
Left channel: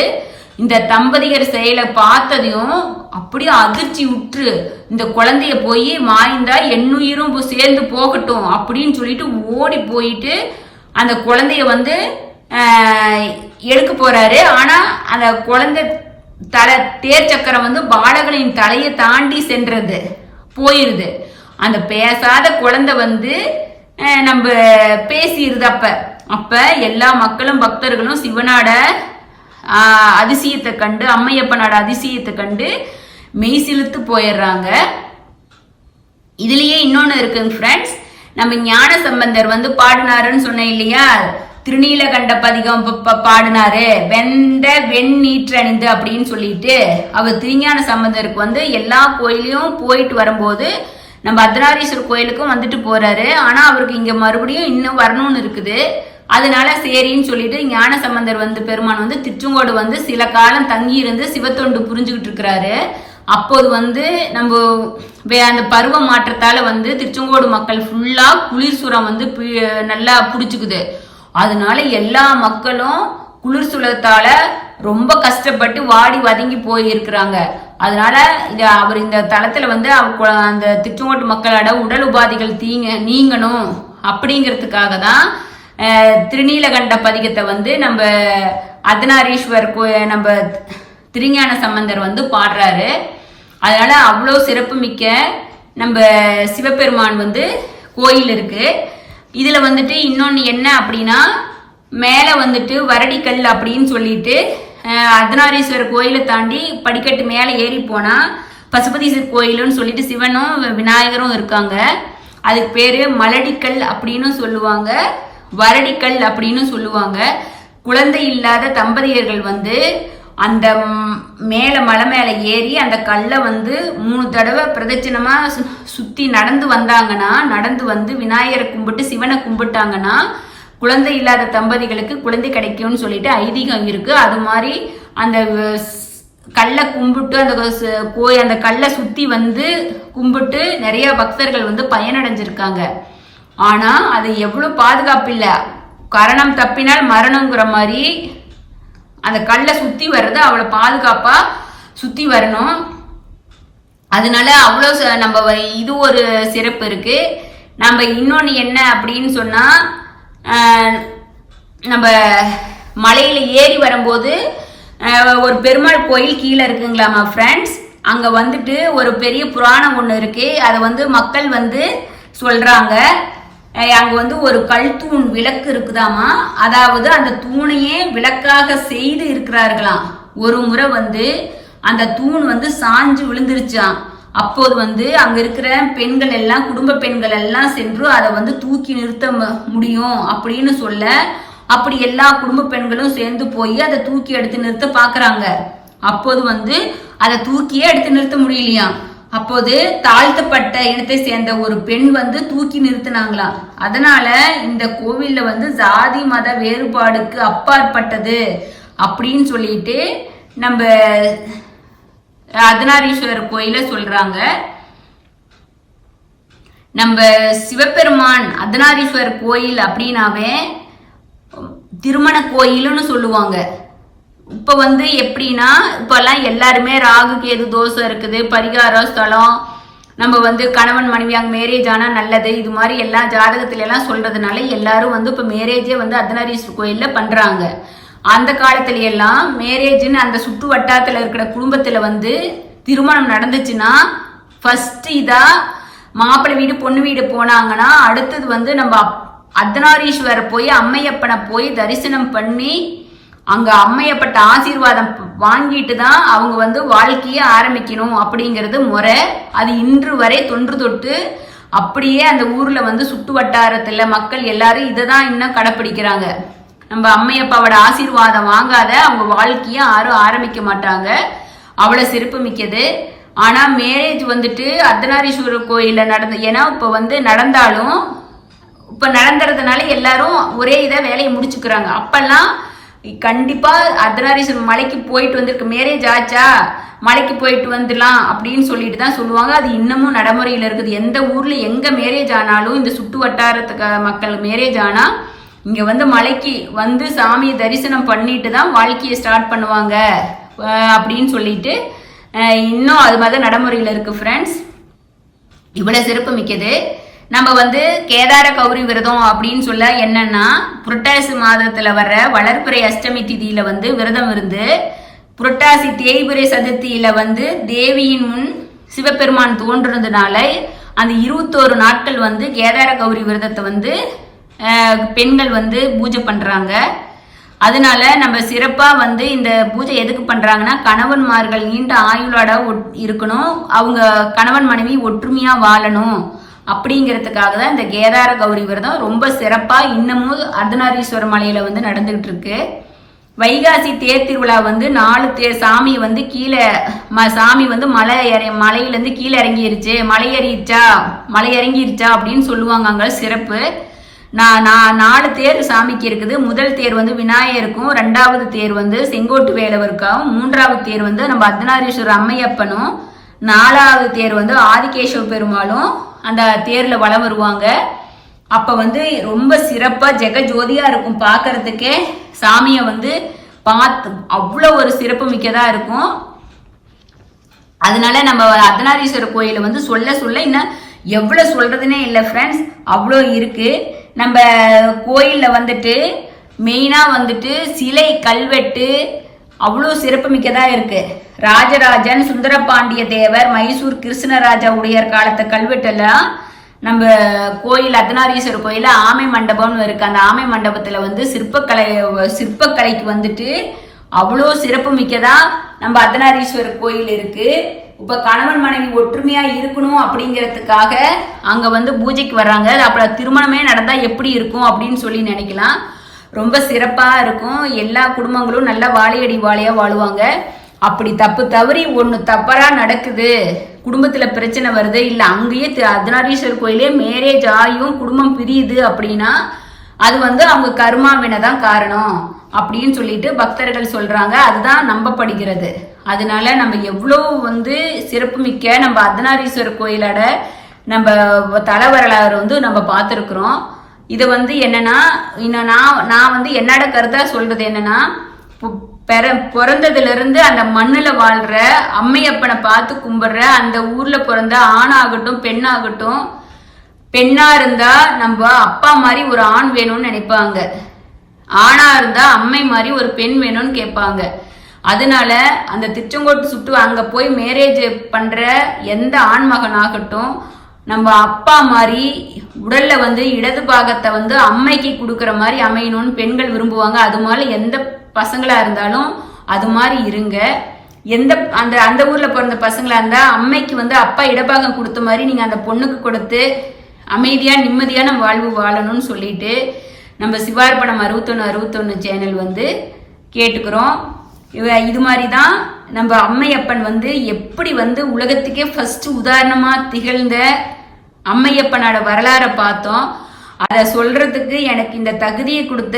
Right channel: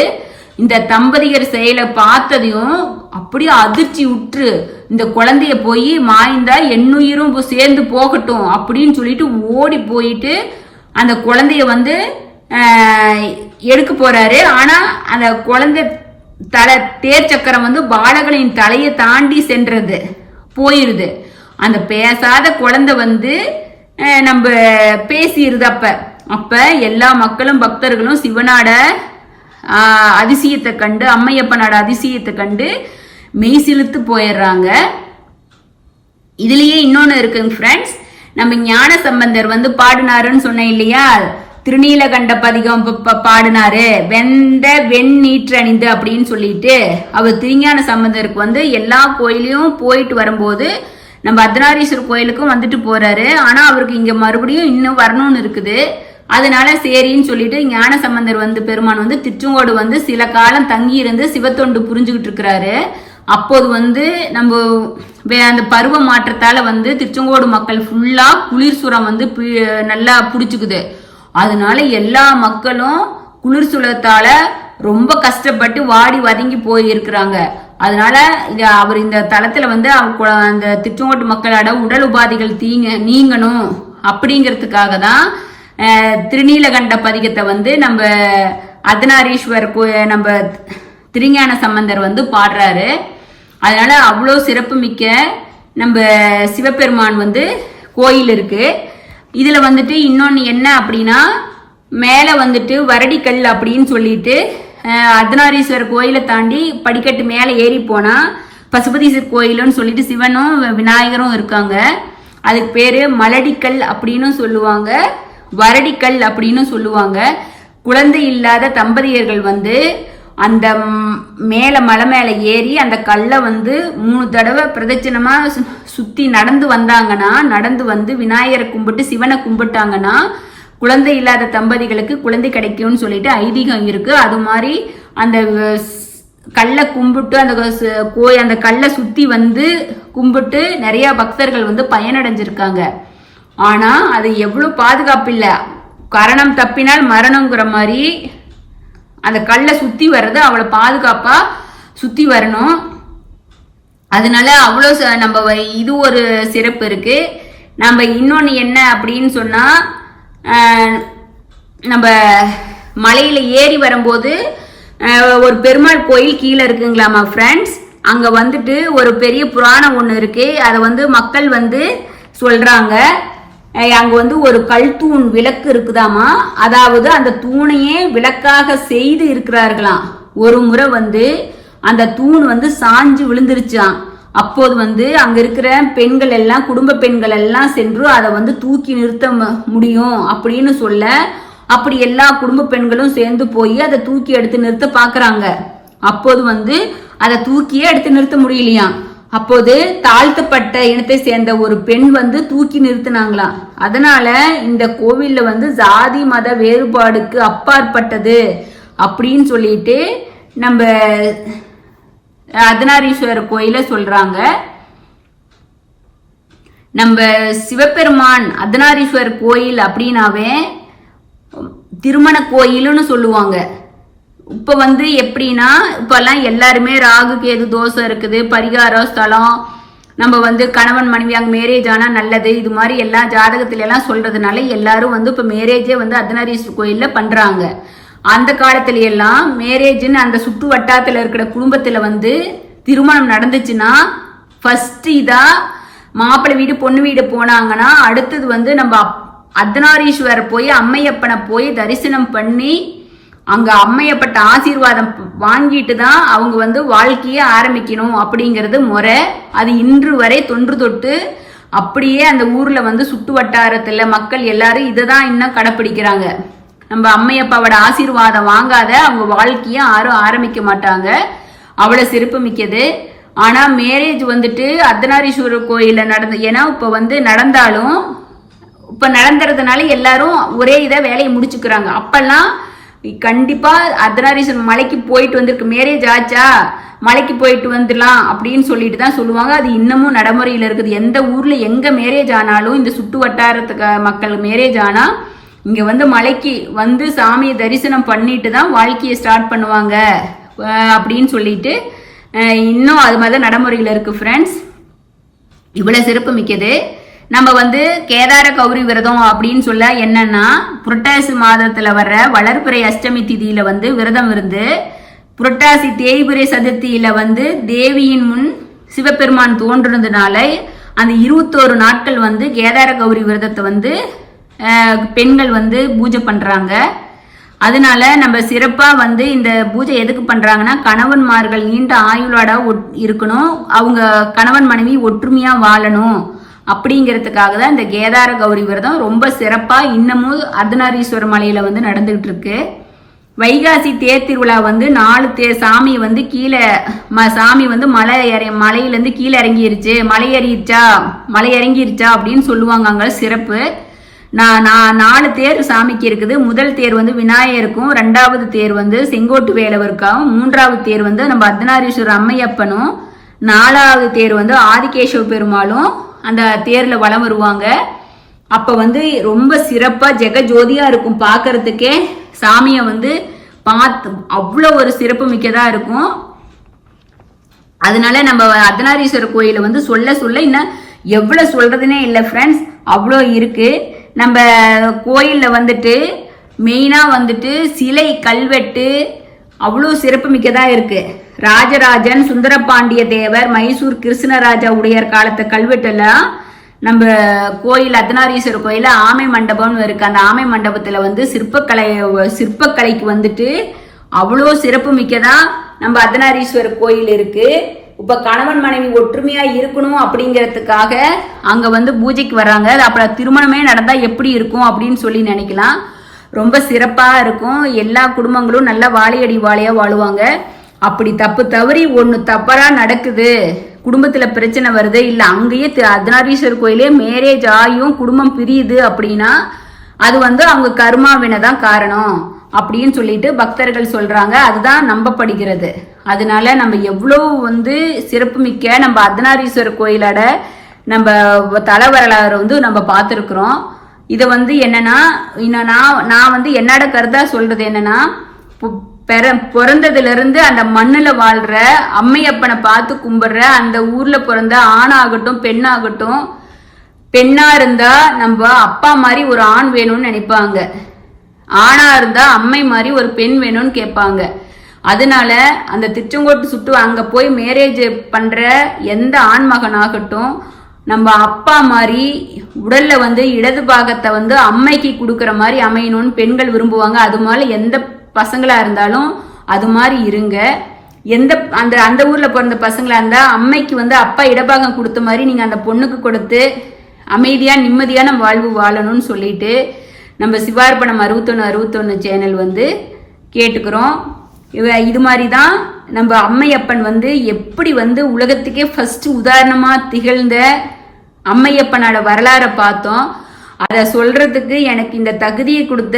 இந்த தம்பதியர் செயலை பார்த்ததையும் அப்படியே அதிர்ச்சி உற்று இந்த குழந்தைய போய் மாய்ந்தா என்னுயிரும் சேர்ந்து போகட்டும் அப்படின்னு சொல்லிட்டு ஓடி போயிட்டு அந்த குழந்தைய வந்து எடுக்க போறாரு. ஆனா அந்த குழந்தை தேர் சக்கரம் வந்து பாலகனின் தலையை தாண்டி சென்றது போயிருது. அந்த பேசாத குழந்தை வந்து நம்ம பேசிடுது. அப்ப எல்லா மக்களும் பக்தர்களும் சிவனாட அதிசயத்தை கண்டு, அம்மையப்பனோட அதிசயத்தை கண்டு மெய் சிலுத்து போயிடுறாங்க. இதுலயே இன்னொன்னு இருக்குங்க ஃப்ரெண்ட்ஸ், நம்ம ஞான சம்பந்தர் வந்து பாடினாருன்னு சொன்னேன் இல்லையா, திருநீலகண்ட பதிகம் பாடினாரு வெண்ணீற்றணிந்து அப்படின்னு சொல்லிட்டு. அவர் திருஞான சம்பந்தருக்கு வந்து எல்லா கோயிலையும் போயிட்டு வரும்போது நம்ம அர்த்தநாரீஸ்வரர் கோயிலுக்கும் வந்துட்டு போறாரு. ஆனா அவருக்கு இங்க மறுபடியும் இன்னும் வரணும்னு இருக்குது. அதனால சரின்னு சொல்லிட்டு ஞான சம்பந்தர் வந்து பெருமான் வந்து திருச்செங்கோடு வந்து சில காலம் தங்கி இருந்து சிவத்தொண்டு புரிஞ்சுக்கிட்டு இருக்கிறாரு. அப்போது வந்து நம்ம அந்த பருவ மாற்றத்தால வந்து திருச்செங்கோடு மக்கள் ஃபுல்லா குளிர் சுரம் வந்து நல்லா புடிச்சுக்குது. அதனால எல்லா மக்களும் குளிர் சுரத்தால ரொம்ப கஷ்டப்பட்டு வாடி வதங்கி போயிருக்கிறாங்க. அதனால அவர் இந்த தளத்துல வந்து அந்த திருச்செங்கோட்டு மக்களோட உடல் உபாதைகள் நீங்கணும் அப்படிங்கிறதுக்காக தான் திருநீலகண்ட பதிகத்தை வந்து நம்ம அர்த்தநாரீஸ்வரர் நம்ம திருஞான சம்பந்தர் வந்து பாடுறாரு. அதனால அவ்வளோ சிறப்பு மிக்க நம்ம சிவபெருமான் வந்து கோயில் இருக்கு. இதுல வந்துட்டு இன்னொன்னு என்ன அப்படின்னா, மேல வந்துட்டு வரடிக்கல் அப்படின்னு சொல்லிட்டு அர்த்தநாரீஸ்வரர் கோயிலை தாண்டி படிக்கட்டு மேல ஏறி போனா பசுபதீஸ்வரர் கோயிலுன்னு சொல்லிட்டு சிவனும் விநாயகரும் இருக்காங்க. அதுக்கு பேரு மலடிக்கல் அப்படின்னு சொல்லுவாங்க, வரடிக்கல் அப்படின்னு சொல்லுவாங்க. குழந்தை இல்லாத தம்பதியர்கள் வந்து அந்த மலை மேல ஏறி அந்த கல்லை வந்து 3 தடவை பிரதட்சணமா சுத்தி நடந்து வந்து விநாயகரை கும்பிட்டு சிவனை கும்பிட்டாங்கன்னா குழந்தை இல்லாத தம்பதிகளுக்கு குழந்தை கிடைக்கும்னு சொல்லிட்டு ஐதீகம் இருக்கு. அது மாதிரி அந்த கல்லை கும்பிட்டு அந்த கல்லை சுத்தி வந்து கும்பிட்டு நிறைய பக்தர்கள் வந்து பயனடைஞ்சிருக்காங்க. ஆனா அது எவ்வளவு பாதுகாப்பு இல்ல, கரணம் தப்பினால் மரணம்ங்கிற மாதிரி அந்த கல்லை சுத்தி வர்றது அவ்வளவு பாதுகாப்பா சுத்தி வரணும். அதனால அவ்வளோ நம்ம இது ஒரு சிறப்பு இருக்கு. நம்ம இன்னொன்னு என்ன அப்படின்னு சொன்னா, நம்ம மலையில ஏறி வரும்போது ஒரு பெருமாள் கோயில் கீழே இருக்குங்களாமா ஃப்ரெண்ட்ஸ். அங்க வந்துட்டு ஒரு பெரிய புராணம் ஒண்ணு இருக்கு. அதை வந்து மக்கள் வந்து சொல்றாங்க. அங்க வந்து ஒரு கல் தூண் விளக்கு இருக்குதாமா. அதாவது அந்த தூணையே விளக்காக செய்து இருக்கிறார்களாம். ஒரு முறை வந்து அந்த தூண் வந்து சாஞ்சு விழுந்துருச்சான். அப்போது வந்து அங்க இருக்கிற பெண்கள் எல்லாம், குடும்ப பெண்கள் எல்லாம் சென்று அதை வந்து தூக்கி நிறுத்த முடியும் அப்படின்னு சொல்ல, அப்படி எல்லா குடும்ப பெண்களும் சேர்ந்து போய் அதை தூக்கி எடுத்து நிறுத்த பாக்குறாங்க. அப்போது வந்து அதை தூக்கியே எடுத்து நிறுத்த முடியலையாம். அப்போது தாழ்த்தப்பட்ட இனத்தை சேர்ந்த ஒரு பெண் வந்து தூக்கி நிறுத்தினாங்களாம். அதனால இந்த கோவில்ல வந்து ஜாதி மத வேறுபாடுக்கு அப்பாற்பட்டது அப்படின்னு சொல்லிட்டு நம்ம அர்த்தநாரீஸ்வரர் கோயில சொல்றாங்க. நம்ம சிவபெருமான் அர்த்தநாரீஸ்வரர் கோயில் அப்படின்னாவே திருமண கோயில்னு சொல்லுவாங்க. இப்ப வந்து எப்படின்னா இப்பெல்லாம் எல்லாருமே ராகு கேது தோஷம் இருக்குது, பரிகாரம் ஸ்தலம், நம்ம வந்து கணவன் மனைவி அங்கே மேரேஜ் ஆனா நல்லது, இது மாதிரி எல்லா ஜாதகத்துல எல்லாம் சொல்றதுனால எல்லாரும் வந்து இப்ப மேரேஜே வந்து அர்த்தநாரீஸ்வரர் கோயில்ல பண்றாங்க. அந்த காலத்துல எல்லாம் மேரேஜ்னு அந்த சுற்று வட்டாரத்துல இருக்கிற குடும்பத்துல வந்து திருமணம் நடந்துச்சுன்னா ஃபர்ஸ்ட் இதா மாப்பிள்ளை வீடு பொண்ணு வீடு போனாங்கன்னா அடுத்தது வந்து நம்ம அர்த்தநாரீஸ்வரர் போய் அம்மையப்பனை போய் தரிசனம் பண்ணி அங்க அம்மையப்பட்ட ஆசீர்வாதம் வாங்கிட்டு தான் அவங்க வந்து வாழ்க்கையை ஆரம்பிக்கணும் அப்படிங்கிறது முறை. அது இன்று வரை தொன்று தொட்டு அப்படியே அந்த ஊர்ல வந்து சுற்று வட்டாரத்துல மக்கள் எல்லாரும் இதை தான் இன்னும் கடைப்பிடிக்கிறாங்க. நம்ம அம்மையப்பாவோட ஆசீர்வாதம் வாங்காத அவங்க வாழ்க்கையை யாரும் ஆரம்பிக்க மாட்டாங்க. அவ்வளவு சிறப்பு மிக்கது. ஆனா மேரேஜ் வந்துட்டு அர்த்தநாரீஸ்வரர் கோயில ஏன்னா இப்ப வந்து நடந்தாலும் இப்ப நடந்துறதுனால எல்லாரும் ஒரே இதை வேலையை முடிச்சுக்கிறாங்க. அப்பெல்லாம் கண்டிப்பா அர்த்தநாரீஸ்வரர் மலைக்கு போயிட்டு வந்திருக்கு, மேரேஜ் ஆச்சா மலைக்கு போயிட்டு வந்துடலாம் அப்படின்னு சொல்லிட்டு தான் சொல்லுவாங்க. அது இன்னமும் நடைமுறையில இருக்குது. எந்த ஊர்ல எங்க மேரேஜ் ஆனாலும் இந்த சுற்று வட்டாரத்துக்கு மக்கள் மேரேஜ் ஆனா இங்க வந்து மலைக்கு வந்து சாமியை தரிசனம் பண்ணிட்டு தான் வாழ்க்கையை ஸ்டார்ட் பண்ணுவாங்க அப்படின்னு சொல்லிட்டு இன்னும் அது மாதிரி நடைமுறையில் இருக்கு ஃப்ரெண்ட்ஸ். இவ்வளவு சிறப்பு மிக்கது. நம்ம வந்து கேதார கௌரி விரதம் அப்படின்னு சொல்ல என்னன்னா புரட்டாசி மாதத்துல வர்ற வளர்பிறை அஷ்டமி திதியில வந்து விரதம் இருந்து புரட்டாசி தேய்பிறை சதுர்த்தியில வந்து தேவியின் முன் சிவபெருமான் தோன்றுனதுனால அந்த 21 நாட்கள் வந்து கேதார கௌரி விரதத்தை வந்து பெண்கள் வந்து பூஜை பண்றாங்க. அதனால நம்ம சிறப்பா வந்து இந்த பூஜை எதுக்கு பண்றாங்கன்னா கணவன்மார்கள் நீண்ட ஆயுளோட இருக்கணும், அவங்க கணவன் மனைவி ஒற்றுமையா வாழணும் அப்படிங்கிறதுக்காக தான் இந்த கேதார கௌரி விரதம் ரொம்ப சிறப்பா இன்னமும் அர்த்தநாரீஸ்வரர் மலையில வந்து நடந்துகிட்டு இருக்கு. வைகாசி தேர் திருவிழா வந்து 4 தேர் சாமி வந்து கீழே சாமி வந்து மலையிலேருந்து கீழே இறங்கிருச்சு, மலை இறங்கிருச்சா அப்படின்னு சொல்லுவாங்க. அங்க சிறப்பு. நான் 4 தேர் சாமிக்கு இருக்குது. முதல் தேர் வந்து விநாயகருக்கும், 2வது தேர் வந்து செங்கோட்டு வேலவருக்காகவும், 3வது தேர் வந்து நம்ம அர்த்தநாரீஸ்வரர் அம்மையப்பனும், 4வது தேர் வந்து ஆதிகேசவ பெருமாளும் அந்த தேர்ல வலம் வருவாங்க. அப்ப வந்து ரொம்ப சிறப்பா ஜெகஜோதியா இருக்கும். பாக்குறதுக்கே சாமிய வந்து பார்த்து அவ்வளோ ஒரு சிறப்பு மிக்கதா இருக்கும். அதனால நம்ம அர்த்தநாரீஸ்வரர் கோயில வந்து சொல்ல இன்னும் எவ்வளவு சொல்றதுன்னே இல்லை ஃப்ரெண்ட்ஸ், அவ்வளோ இருக்கு. நம்ம கோயில்ல வந்துட்டு மெயினா வந்துட்டு சிலை கல்வெட்டு அவ்வளோ சிறப்பு மிக்கதா இருக்கு. ராஜராஜன், சுந்தரபாண்டிய தேவர், மைசூர் கிருஷ்ணராஜா உடையார் காலத்து கல்வெட்டெல்லாம் நம்ம கோயில் அர்த்தநாரீஸ்வரர் கோயில ஆமை மண்டபம்னு இருக்கு. அந்த ஆமை மண்டபத்துல வந்து சிற்பக்கலைக்கு வந்துட்டு அவ்வளோ சிறப்பு மிக்கதா நம்ம அர்த்தநாரீஸ்வரர் கோயில் இருக்கு. இப்ப கணவன் மனைவி ஒற்றுமையா இருக்கணும் அப்படிங்கிறதுக்காக அங்க வந்து பூஜைக்கு வர்றாங்க. அப்புறம் திருமணமே நடந்தா எப்படி இருக்கும் அப்படின்னு சொல்லி நினைக்கலாம். ரொம்ப சிறப்பா இருக்கும். எல்லா குடும்பங்களும் நல்லா வாழையடி வாழையா வாழுவாங்க. அப்படி தவறி ஒண்ணு தவறா நடக்குது, குடும்பத்துல பிரச்சனை வருது, இல்ல அங்கேயே அர்த்தநாரீஸ்வரர் கோயிலே மேரேஜ் ஆகியும் குடும்பம் பிரியுது அப்படின்னா அது வந்து அவங்க கர்மாவினை தான் காரணம் அப்படின்னு சொல்லிட்டு பக்தர்கள் சொல்றாங்க. அதுதான் நம்பப்படுகிறது. அதனால நம்ம எவ்வளவு வந்து சிறப்பு மிக்க நம்ம அர்த்தநாரீஸ்வரர் கோயிலோட நம்ம தல வரலாறு வந்து நம்ம பார்த்துருக்குறோம். இதை வந்து என்னன்னா நான் வந்து என்னோட கருத்தா சொல்றது என்னன்னா பிறந்ததுல இருந்து அந்த மண்ணுல வாழ்ற அம்மையப்பனை பார்த்து கும்பிடுற அந்த ஊர்ல பிறந்த ஆணாகட்டும் பெண்ணாகட்டும், பெண்ணா இருந்தா நம்ம அப்பா மாதிரி ஒரு ஆண் வேணும்னு நினைப்பாங்க, ஆணா இருந்தா அம்மை மாதிரி ஒரு பெண் வேணும்னு கேட்பாங்க. அதனால அந்த திருச்செங்கோட்டு சுட்டு அங்க போய் மேரேஜ் பண்ற எந்த ஆண்மகனாகட்டும் நம்ம அப்பா மாதிரி உடல்ல வந்து இடது பாகத்தை வந்து அம்மைக்கு கொடுக்கற மாதிரி அமையணும்னு பெண்கள் விரும்புவாங்க. அது மாதிரி எந்த பசங்களா இருந்தாலும் அது மாதிரி இருங்க. அந்த ஊர்ல பிறந்த பசங்களா இருந்தா அம்மைக்கு வந்து அப்பா இடபாகம் கொடுத்த மாதிரி நீங்க அந்த பொண்ணுக்கு கொடுத்து அமைதியா நிம்மதியான வாழ்வு வாழணும்னு சொல்லிட்டு நம்ம சிவார்ப்பணம் 61 சேனல் வந்து கேட்டுக்கிறோம். இது மாதிரிதான் நம்ம அம்மையப்பன் வந்து எப்படி வந்து உலகத்துக்கே ஃபர்ஸ்ட் உதாரணமா திகழ்ந்த அம்மையப்பனோட வரலாறை பார்த்தோம். அதை சொல்றதுக்கு எனக்கு இந்த தகுதியை கொடுத்த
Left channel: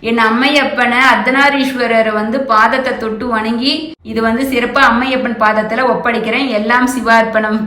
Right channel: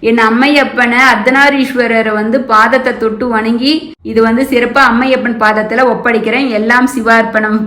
என் அம்மையப்பனை அர்த்தநாரீஸ்வரரை வந்து பாதத்தை தொட்டு வணங்கி இது வந்து சிறப்பா அம்மையப்பன் பாதத்துல ஒப்படைக்கிறேன். எல்லாம் சிவார்ப்பணம்.